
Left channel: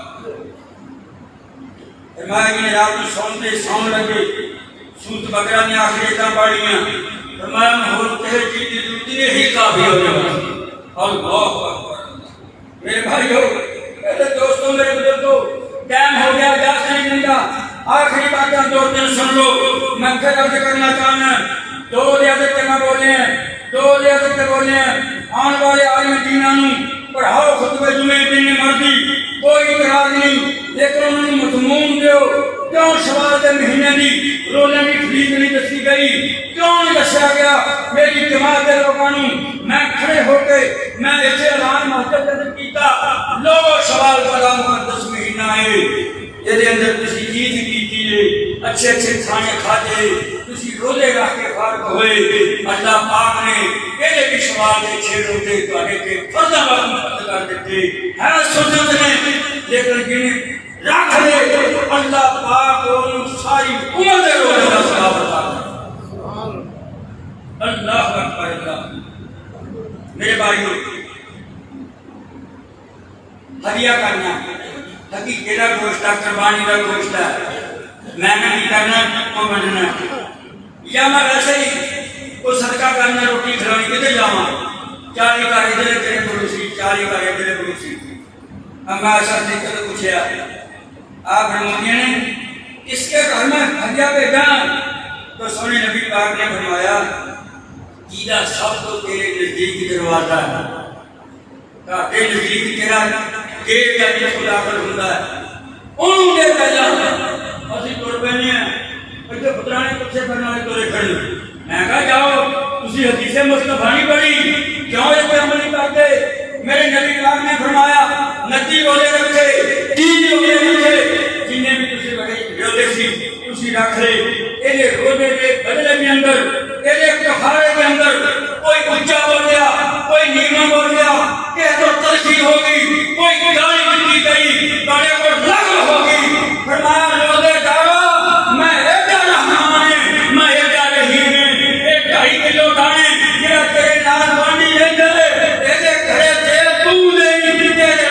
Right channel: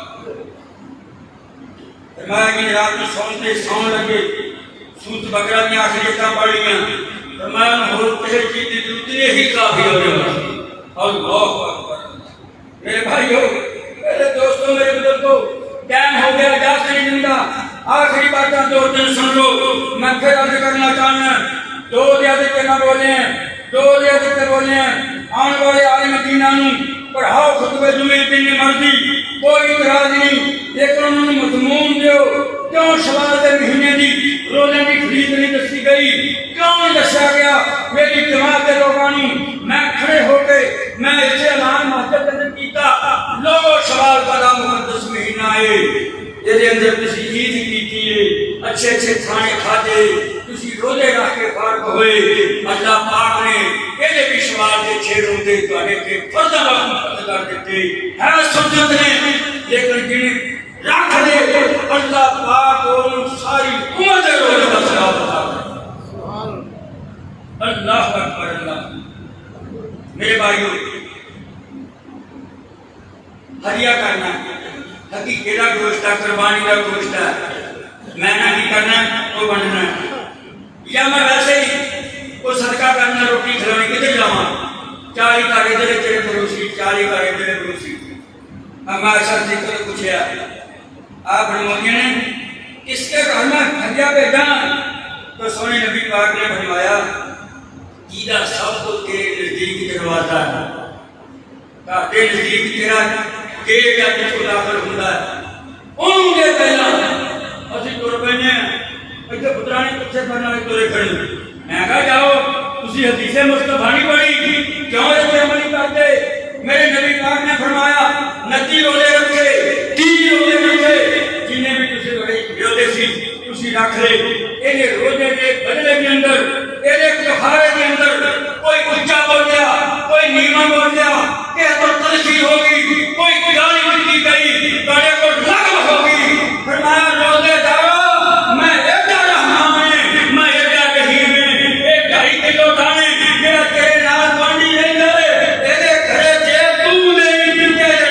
فرمایا رات کو سوتے سون لگے سورۃ بقرہ میں آخری کا پڑھیاں فرمایا ہور تیرے چیز اتنے ہی کافی ہو جائے اللہ اکبر میرے بھائیو میرے دوستوں میرے بزرگوں ٹائم ہو گیا اجازت نہیں ملتا آخری باتیں دو تین سن لو میں پھر عرض کرنا چاہنا دو دیتے نہ بولے ہیں دو دیتے بولے ہیں آنے والے عالم دینہ پڑھاؤ خطبہ جمعے دن مرضی کوئی اعتراض نہیں لیکن انہوں نے مضمون دیو کیوں شوال دے مہینے دی روزے کی خرید نہیں دسی گئی کیوں نہیں دسیا گیا میری جماعت کے لوگوں میں کھڑے ہو کے میں اسے اعلان مسجد کے اندر کیتا لوگو شوال بڑا مقدس مہینہ ہے یہ اندر کسی چیز کیتی ہے اچھے اچھے کھانے کھاتے کسی روزے رکھ کے فارغ ہوئے اللہ پاک نے یہ بھی شوال دے چھ روزے تواڈے کے فرضاں وقت کر دیتے ہے سنت نے لیکن جنہیں رکھ لے اللہ پاک اور ساری امت روزے کا ثواب عطا کرے اللہ اکبر اللہ میرے بھائیو ہدیہ کرنا حقیقت کا گوشت ہے قربانی کا گوشت ہے میں نے نہیں کرنا وہ بننا یا میں ویسے ہی وہ صدقہ کرنا روٹی کھلانی کدھر جاواں 40 کا ادھر تیرے پڑوسی 40 کا ادھر پڑوسی ہم ایسا ذکر پوچھا آپ نے اس کے گھر میں ہدیہ بھیجا تو سونے نبی پاک نے فرمایا کیدا سب تو تیرے نزدیک دروازہ ہے تیرے نزدیک تیرا گیٹ کا جس داخل ہوتا ہے انہوں نے پہلا اسی تر پہنے اتنے پترا نے پیچھے کرنے والے تورے کھڑے میں کہا جاؤ تسی حدیث مصطفیٰ نہیں پڑھی کیوں اس پہ عمل کرتے میرے نبی پاک نے فرمایا 29 روزے رکھے 30 روزے رکھے جنہیں بھی تسی روزے سی تسی رکھ لے یہ روزے کے بدلے کے اندر یہ کفارے کے اندر کوئی اونچا بول گیا کوئی نیما بول گیا کہ تو تلخی ہوگی کوئی گالی بھی گئی بڑے کو لغو ہوگی فرمایا روزے دارو میں ایڈا رحمان ہے میں ایڈا رحیم ہے 1.5 کلو دانے میرا تیرے نال بنی نہیں کرے تیرے گھرے دے تو نہیں تیرے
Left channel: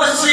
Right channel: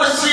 80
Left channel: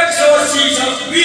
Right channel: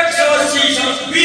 180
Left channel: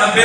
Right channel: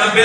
90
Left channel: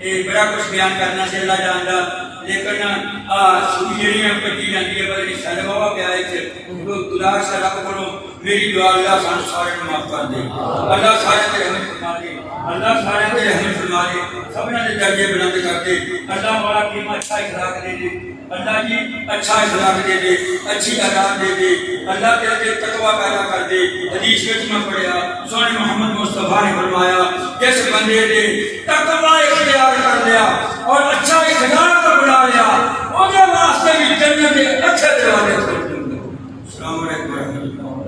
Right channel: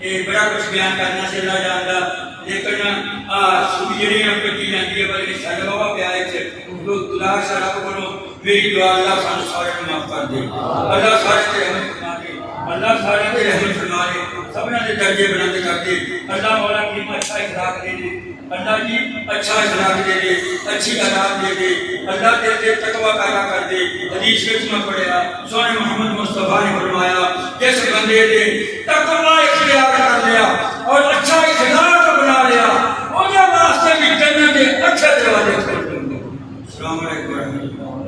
یہ بڑا کچھ بیان کرنا سے اللہ جانتا، لیکن سوئی جڑیاں کٹی جاتی ہے پر سارے بابا پیارے سے خدا سے رب کرو میری دعا اللہ سانو سارے معاف کر دے، اللہ سارے تے رحمت فرما دے، اللہ سارے تے رحمت فرما دے، سبنا دے درجے بلند کر دے، اللہ مولا کریم اچھا اخلاق دے دے، اللہ جی اچھا اخلاق دے دے، اچھی عادات دے دے، اللہ تیرے دل تقوی پیدا کر دے۔ حدیث وچ میں پڑھیا سونے محمد مصطفیٰ نے فرمایا جس بندے نے تقوی اختیار کر لیا اور اچھا اخلاق بنا لیا وہ واسطے بھی جنت کے اچھے دروازے کھل جاتے ہیں۔ السلام علیکم ورحمۃ اللہ۔